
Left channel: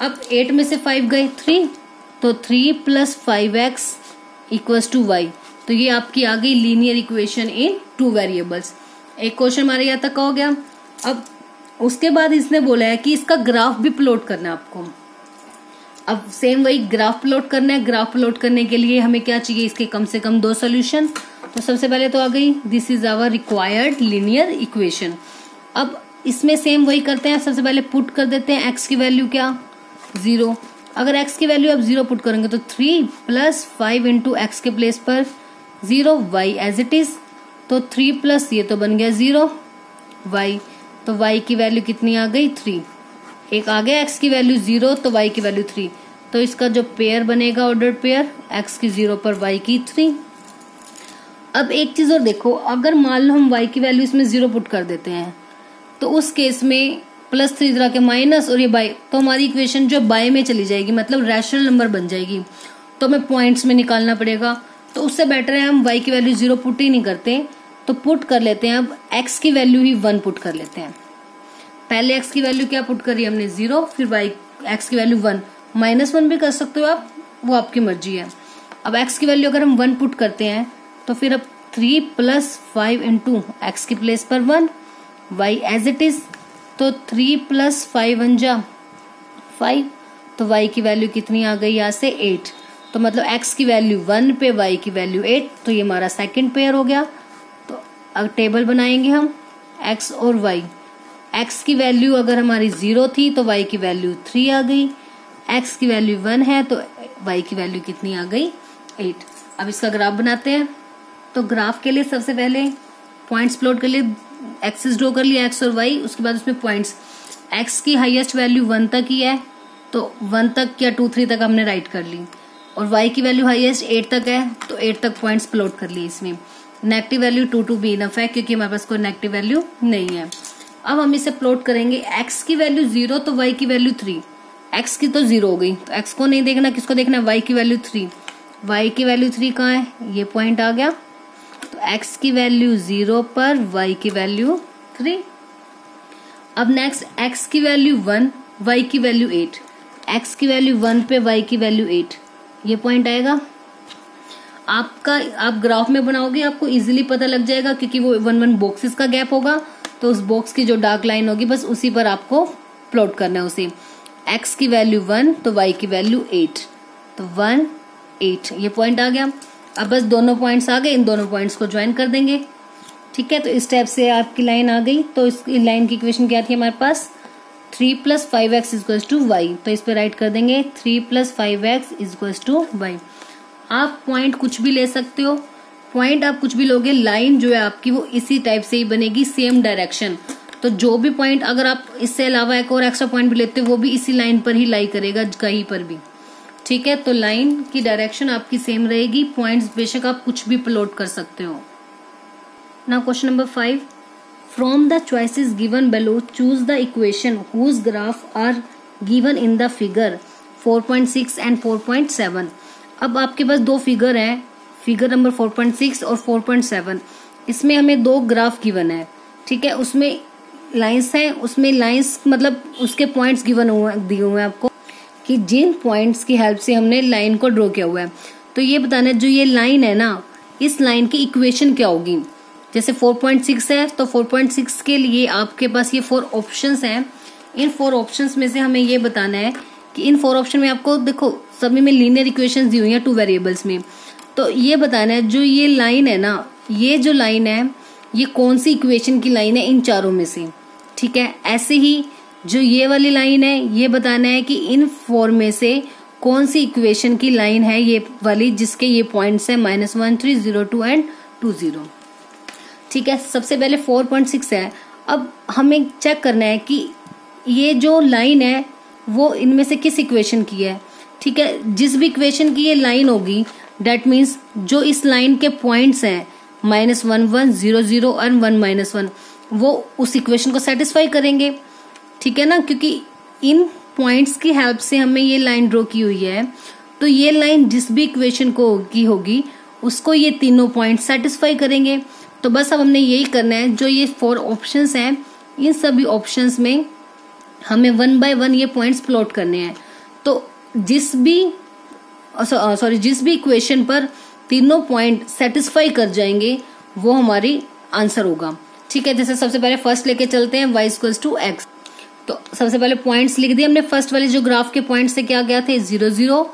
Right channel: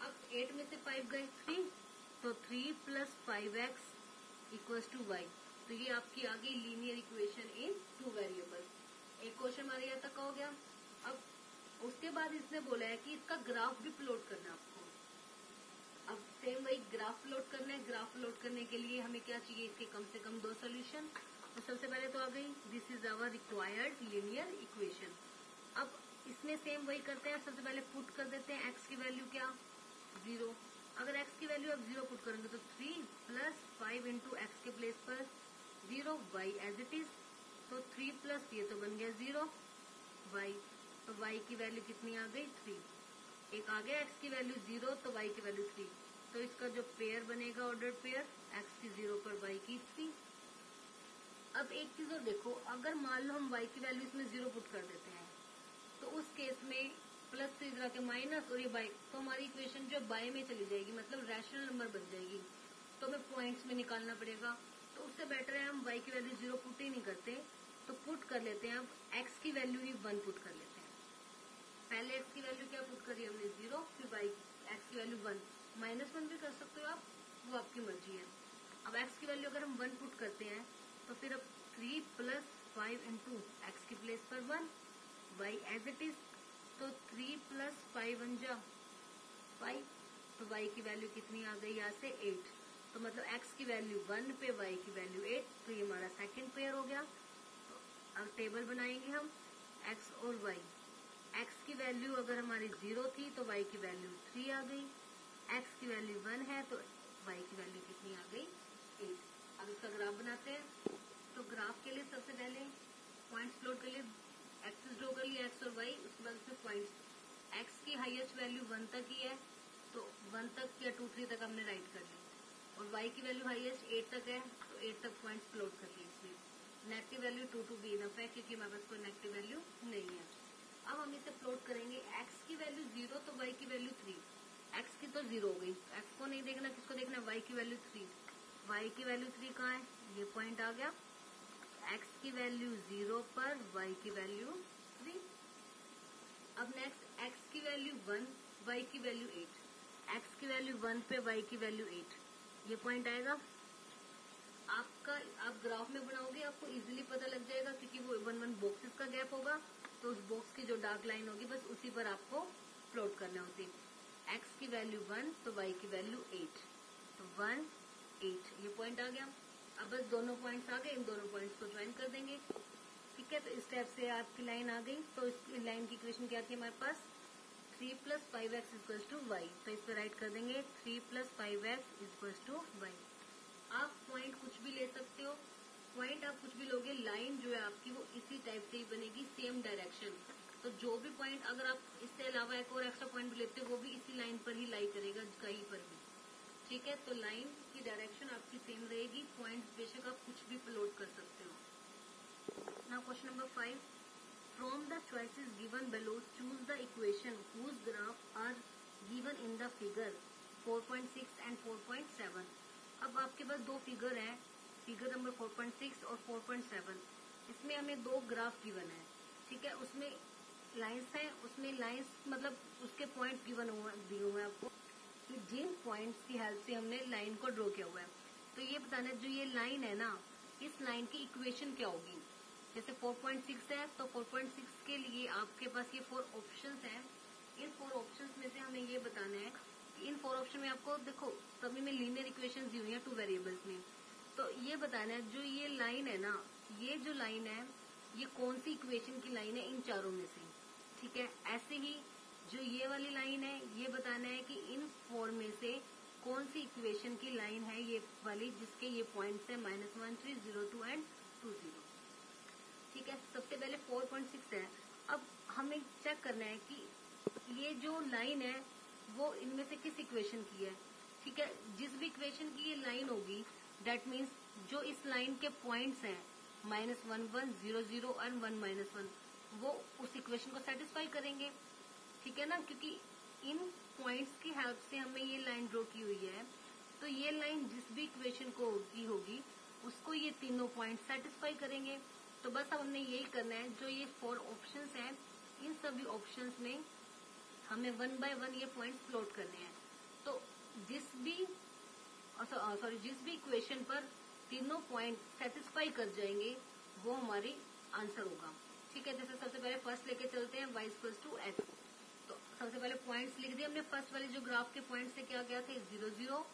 अब 8 में से 5 गए 3, तो 3 plus 5x equals to y। तो ये आपकी आ गई लीनियर इक्वेशन इन 2 वेरिएबल्स। एक क्वेश्चन हमारे यहाँ तक का हो गया। अब उसके बाद इसने बोला है कि इसका ग्राफ भी प्लॉट करना है आपको। अब सेम वही ग्राफ प्लॉट करना है। ग्राफ प्लॉट करने के लिए हमें क्या चाहिए, इसके कम से कम 2 सोल्यूशन। तो सबसे पहले तो आ गई this is our required linear equation. अब इसमें सेम वही करते हैं, सबसे पहले पुट कर देते हैं x की वैल्यू क्या, 0। अगर x की वैल्यू आप 0 पुट करेंगे तो 3 प्लस 5 इंटू एक्स के प्लेस पर 0, y एज इट इज। तो 3 प्लस ये तो बन गया 0 y, तो y की वैल्यू कितनी आ गई, 3। एक आ गया x की वैल्यू 0 तो y की वैल्यू 3। तो इसका जो पेयर बनेगा ऑर्डर्ड पेयर, x की 0 पर y की 3। अब एक चीज और देखो, अगर मान लो हम y की वैल्यू इसमें 0 पुट कर देते हैं तो उस केस में +3 इधर के माइनस और ये बाय, तो हमारी इक्वेशन जो बाय में चली जाएगी, मतलब रैशनल नंबर बन जाएगी। तो हमें पॉइंट्स में निकालना पड़ेगा। तो उससे बेटर है हम y की वैल्यू 0 पुट ही नहीं करते, तो पुट कर लेते हैं। अब x की वैल्यू ही 1 पुट कर लेते हैं। पहले x की वैल्यू क्या पुट करी हमने, 0, फिर x की वैल्यू 1, -1 भी कर सकते हो आप, वो आपकी मर्जी है। अब x की वैल्यू अगर हम 1 पुट करते हैं तो फिर अब 3 प्लस 5 इंटू एक्स की प्लेस पर 1, y एज इट इज। तो 3 प्लस 5 1 जा 5, तो y की वैल्यू कितनी आ गई यहाँ से, 8। तो मतलब x की वैल्यू 1 पे y की वैल्यू 8, तो ये हमारा सेकंड पेयर हो गया। तो अब टेबल बनाएंगे हम x और y। x की वैल्यू अगर हमारी 0 थी तो y की वैल्यू 3 आ गई, x की वैल्यू 1 है तो y की वैल्यू कितनी आ गई, 8। अब इसका ग्राफ बनाते हैं। तो ग्राफ के लिए सबसे पहले पॉइंट्स प्लॉट के लिए एक्सिस ड्रॉ कर लिया एक्स और वाई, उसके बाद उसमें पॉइंट्स। एक्स की हाईएस्ट वैल्यू 1 तक ही है तो 1 तक या 2 3 तक हमने राइट कर ली, और वाई की वैल्यू हाईएस्ट 8 तक है तो 8 तक पॉइंट्स प्लॉट कर लिए। इसमें नेगेटिव वैल्यू 2 2 भी इनफ है क्योंकि हमारे पास कोई नेगेटिव वैल्यू नहीं है। अब हम इसे प्लॉट करेंगे। एक्स की वैल्यू 0 तो वाई की वैल्यू 3। एक्स की तो 0 हो गई तो एक्स को नहीं देखना, किसको देखना है, वाई की वैल्यू 3। वाई की वैल्यू 3 कहाँ है, ये पॉइंट आ गया। तो एक्स की वैल्यू 0 पर वाई की वैल्यू 3। अब नेक्स्ट एक्स की वैल्यू 1, वाई की वैल्यू 8। एक्स की वैल्यू 1 पे वाई की वैल्यू 8, ये पॉइंट आएगा। आप ग्राफ में बनाओगे आपको इजीली पता लग जाएगा क्योंकि वो 1 1 बॉक्सेस का गैप होगा, तो उस बॉक्स की जो डार्क लाइन होगी बस उसी पर आपको प्लॉट करना है उसे। एक्स की वैल्यू 1 तो वाई की वैल्यू 8, तो 1 8 ये पॉइंट आ गया। अब बस दोनों पॉइंट्स आ गए, इन दोनों पॉइंट्स को ज्वाइन कर देंगे। ठीक है, तो इस टाइप से आपकी लाइन आ गई। तो इस लाइन की इक्वेशन क्या थी हमारे पास, 3 + 5x = y। तो इस पे राइट कर देंगे 3 + 5x = y। आप पॉइंट कुछ भी ले सकते हो, पॉइंट आप कुछ भी लोगे, लाइन जो है आपकी वो इसी टाइप से ही बनेगी, सेम डायरेक्शन। तो जो भी पॉइंट अगर आप इससे अलावा एक और एक्स्ट्रा पॉइंट भी लेते हो वो भी इसी लाइन पर ही लाई करेगा कहीं पर भी। ठीक है, तो लाइन की डायरेक्शन आपकी सेम रहेगी, पॉइंट्स बेशक आप कुछ भी प्लॉट कर सकते हो। Now question number 5, from the choices given below choose the equation whose graph are given in the figure 4.6 and 4.7। अब आपके पास दो फिगर हैं, फिगर नंबर 4.6 और 4.7। इसमें हमें दो ग्राफ गिवन है। ठीक है, उसमें लाइंस हैं, उसमें लाइंस मतलब उसके पॉइंट्स गिवन दिए हुए हैं आपको कि जिन पॉइंट्स की हेल्प से हमने लाइन को ड्रॉ किया हुआ है। तो ये बताना है जो ये लाइन है ना, इस लाइन की इक्वेशन क्या होगी। जैसे 4.6 है तो 4.6 के लिए आपके पास ये 4 ऑप्शंस हैं। इन 4 ऑप्शंस में से हमें ये बताना है कि इन 4 ऑप्शन में आपको देखो सभी में लीनियर इक्वेशंस दी हुई हैं 2 वेरिएबल्स में। तो ये बताना है जो ये लाइन है ना, ये जो लाइन है ये कौन सी इक्वेशन की लाइन है इन चारों में से। ठीक है, ऐसे ही जो ये वाली लाइन है ये बताना है कि इन 4 में से कौन सी इक्वेशन की लाइन है ये वाली जिसके ये पॉइंट्स है -1 3 0 2 एंड 2 0। ठीक है, सबसे पहले 4.6 है। अब हमें चेक करना है कि ये जो लाइन है वो इनमें से किस इक्वेशन की है। ठीक है, जिस भी इक्वेशन की ये लाइन होगी डेट मीन्स जो इस लाइन के पॉइंट्स हैं -1 1 0 0 और 1 -1 वो उस इक्वेशन को सेटिस्फाई करेंगे। ठीक है ना, क्योंकि इन पॉइंट्स की हेल्प से हमें ये लाइन ड्रॉ की हुई है, तो ये लाइन जिस भी इक्वेशन को की होगी उसको ये तीनों पॉइंट सेटिस्फाई करेंगे। तो बस अब हमने यही करना है, जो ये 4 ऑप्शंस हैं इन सभी ऑप्शंस में हमें 1 बाय 1 ये पॉइंट्स प्लॉट करने हैं। तो जिस भी इक्वेशन पर तीनों पॉइंट सेटिस्फाई कर जाएंगे वो हमारी आंसर होगा। ठीक है, जैसे सबसे पहले फर्स्ट लेके चलते हैं y = x। तो सबसे पहले पॉइंट्स लिख दिए हमने। फर्स्ट वाले जो ग्राफ के पॉइंट से क्या गया थे 0 0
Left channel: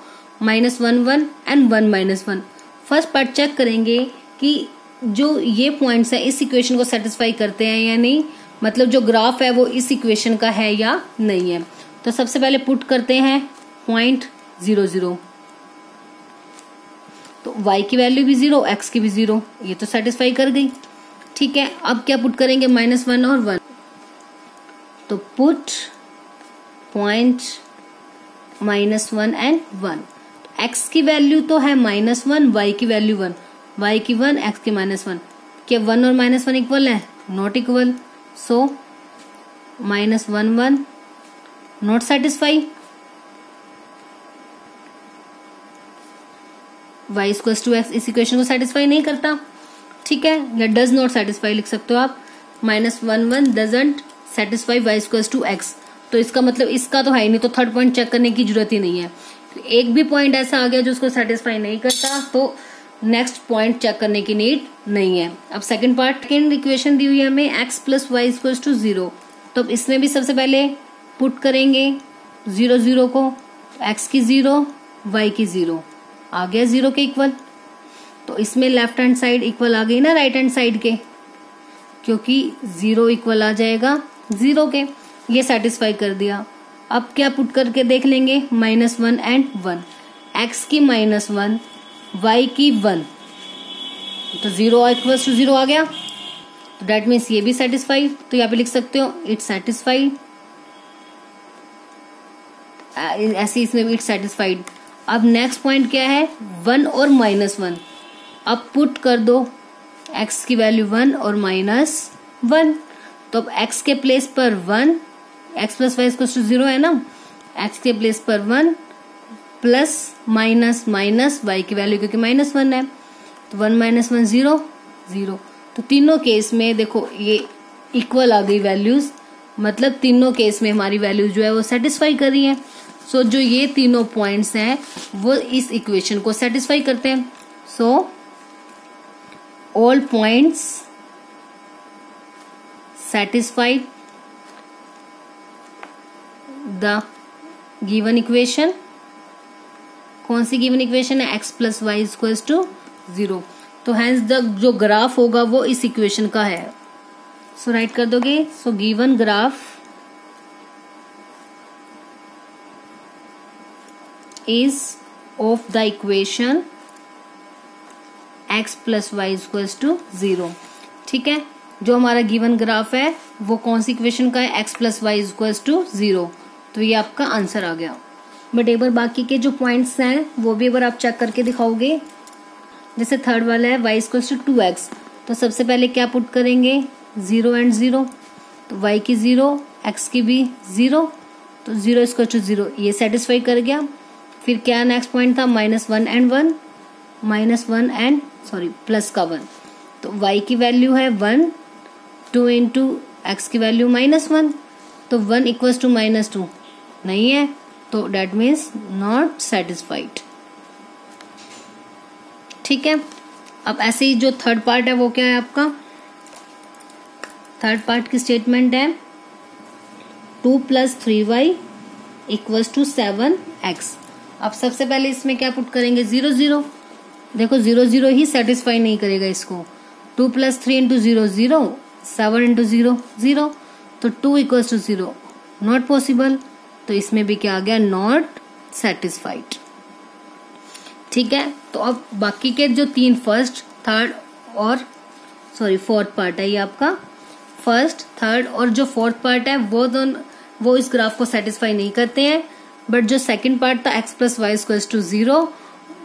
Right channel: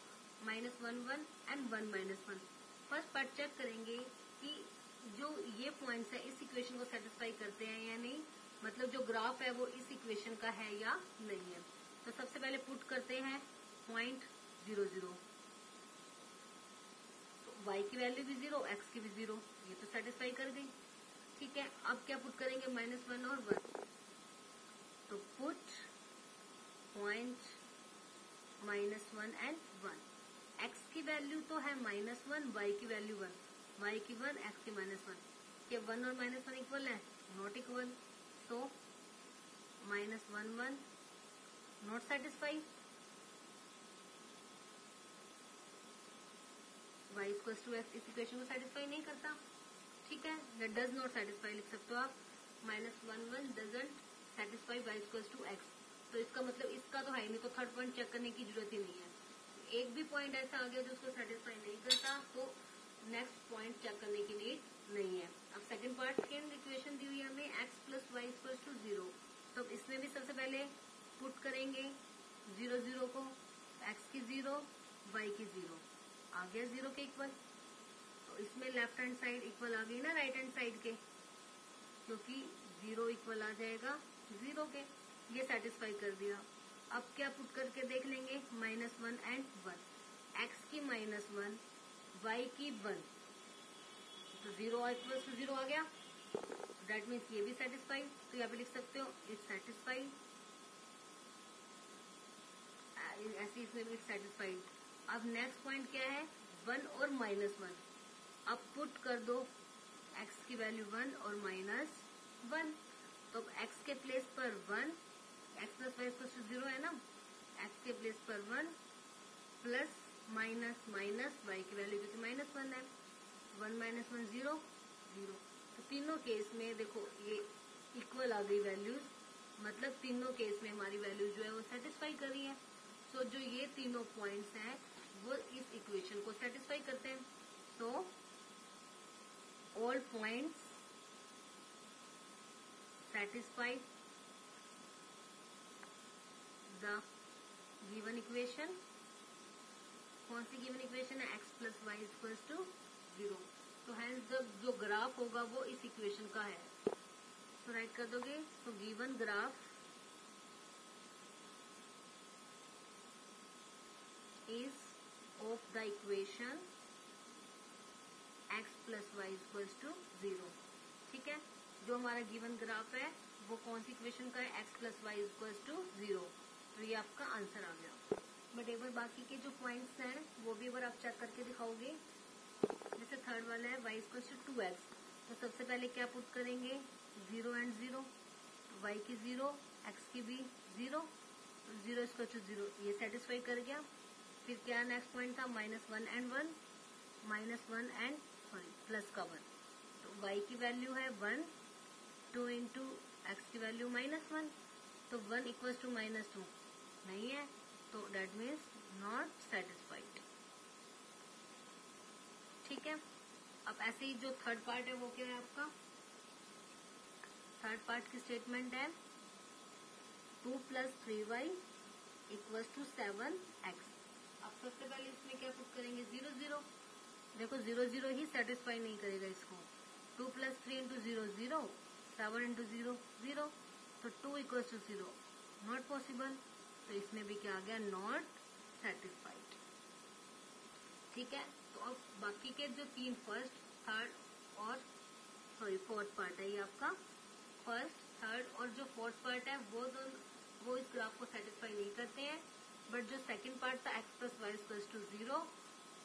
-1 1 एंड 1 -1। फर्स्ट पार्ट चेक करेंगे कि जो ये पॉइंट्स है इस इक्वेशन को सेटिस्फाई करते हैं या नहीं, मतलब जो ग्राफ है वो इस इक्वेशन का है या नहीं है। तो सबसे पहले पुट करते हैं पॉइंट 0 0, तो y की वैल्यू भी 0 x की भी 0, ये तो सेटिस्फाई कर गई। ठीक है, अब क्या पुट करेंगे -1 और 1, तो पुट पॉइंट -1 एंड 1। x की वैल्यू तो है -1, y की वैल्यू 1, y की 1 x की -1। क्या 1 और -1 इक्वल है, not equal, so -1 1 not satisfy. y = x इस इक्वेशन को सेटिस्फाई नहीं करता। ठीक है, या डज नॉट सेटिस्फाई लिख सकते हो आप। -1 1 डजंट सेटिस्फाई y = x। तो इसका मतलब इसका तो है ही नहीं, तो थर्ड पॉइंट चेक करने की जरूरत ही नहीं है। एक भी पॉइंट ऐसा आ गया जो उसको सेटिस्फाई नहीं करता तो नेक्स्ट पॉइंट चेक करने की नीड नहीं है। अब सेकंड पार्ट, सेकंड इक्वेशन दी हुई है हमें x + y = 0। तो इसमें भी सबसे पहले पुट करेंगे 0 0 को, x की 0 y की 0 आ गया 0 के इक्वल। तो इसमें लेफ्ट हैंड साइड इक्वल आ गई ना राइट हैंड साइड के, क्योंकि 0 इक्वल आ जाएगा 0 के, ये सेटिस्फाई कर दिया। अब क्या पुट करके देख लेंगे -1 एंड 1, x की -1 y की 1, तो 0 इक्वल्स टू 0 आ गया, तो डेट मीन्स ये भी सेटिस्फाइड। तो यहाँ पे लिख सकते हो इट्स सेटिस्फाइड, ऐसे इसमें भी इट्स सेटिस्फाइड। अब नेक्स्ट पॉइंट क्या है, 1 और -1। अब पुट कर दो x की वैल्यू 1 और -1। तो अब x के प्लेस पर 1, x plus y equals to 0 है ना, x के प्लेस पर 1 प्लस माइनस माइनस y की वैल्यू क्योंकि -1 है, तो 1 - 1 0 0। तो तीनों केस में देखो ये इक्वल आ गई वैल्यूज, मतलब तीनों केस में हमारी वैल्यूज जो है वो सेटिस्फाई कर रही है। सो जो ये तीनों पॉइंट्स हैं वो इस इक्वेशन को सेटिस्फाई करते हैं। So all points satisfied the given equation. कौन सी गिवन इक्वेशन है, x plus y equals to 0। तो हैंस द जो ग्राफ होगा वो इस इक्वेशन का है। सो राइट कर दोगे, so given graph is of the equation x plus y equals to 0। ठीक है, जो हमारा गिवन ग्राफ है वो कौन सी इक्वेशन का है, x plus y equals to 0। तो ये आपका आंसर आ गया। बट एक बार बाकी के जो पॉइंट्स हैं वो भी एक बार आप चेक करके दिखाओगे। जैसे थर्ड वाला है y equals to 2x, तो सबसे पहले क्या पुट करेंगे, 0 एंड 0, तो y की 0, x की भी 0, तो 0 equals to 0 ये सेटिस्फाई कर गया। फिर क्या नेक्स्ट पॉइंट था, -1 एंड 1, -1 एंड प्लस का 1, तो y की वैल्यू है 1, 2 इंटू एक्स की वैल्यू -1, तो 1 इक्वल्स टू -2 नहीं है, तो डेट मीन्स नॉट सेटिस्फाइड। ठीक है, अब ऐसे ही जो थर्ड पार्ट है वो क्या है आपका, थर्ड पार्ट की स्टेटमेंट है 2 + 3y इक्वल्स टू 7x। अब सबसे पहले इसमें क्या पुट करेंगे, 0 0। देखो 0 0 ही सेटिस्फाई नहीं करेगा इसको। 2 + 3 इंटू 0 0, 7 इंटू 0 0, तो 2 इक्वल्स टू 0 नॉट पॉसिबल। तो इसमें भी क्या आ गया, नॉट सेटिस्फाइड। ठीक है, तो अब बाकी के जो तीन फर्स्ट थर्ड और फोर्थ पार्ट है, ये आपका फर्स्ट थर्ड और जो फोर्थ पार्ट है वो इस ग्राफ को सेटिस्फाई नहीं करते हैं। बट जो सेकंड पार्ट था x plus y equals to 0,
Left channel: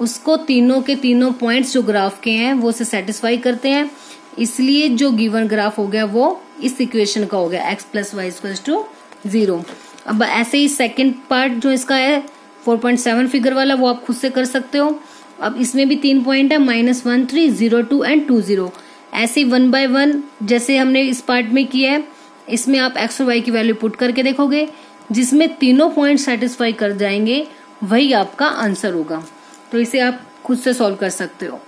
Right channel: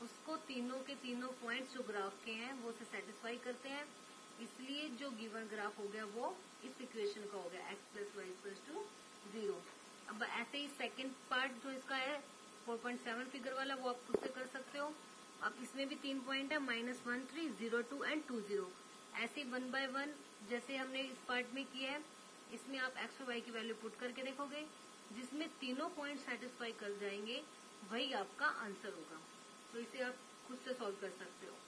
उसको तीनों के तीनों पॉइंट्स जो ग्राफ के हैं वो उसे सेटिस्फाई करते हैं। इसलिए जो गिवन ग्राफ हो गया वो इस इक्वेशन का हो गया, x plus y equals to 0। अब ऐसे ही सेकंड पार्ट जो इसका है 4.7 फिगर वाला, वो आप खुद से कर सकते हो। अब इसमें भी 3 पॉइंट है, -1 3 0 2 एंड 2 0। ऐसे 1 बाय 1 जैसे हमने इस पार्ट में किया है, इसमें आप x और y की वैल्यू पुट करके देखोगे, जिसमें तीनों पॉइंट सेटिस्फाई कर जाएंगे वही आपका आंसर होगा। तो इसे आप खुद से सॉल्व कर सकते हो।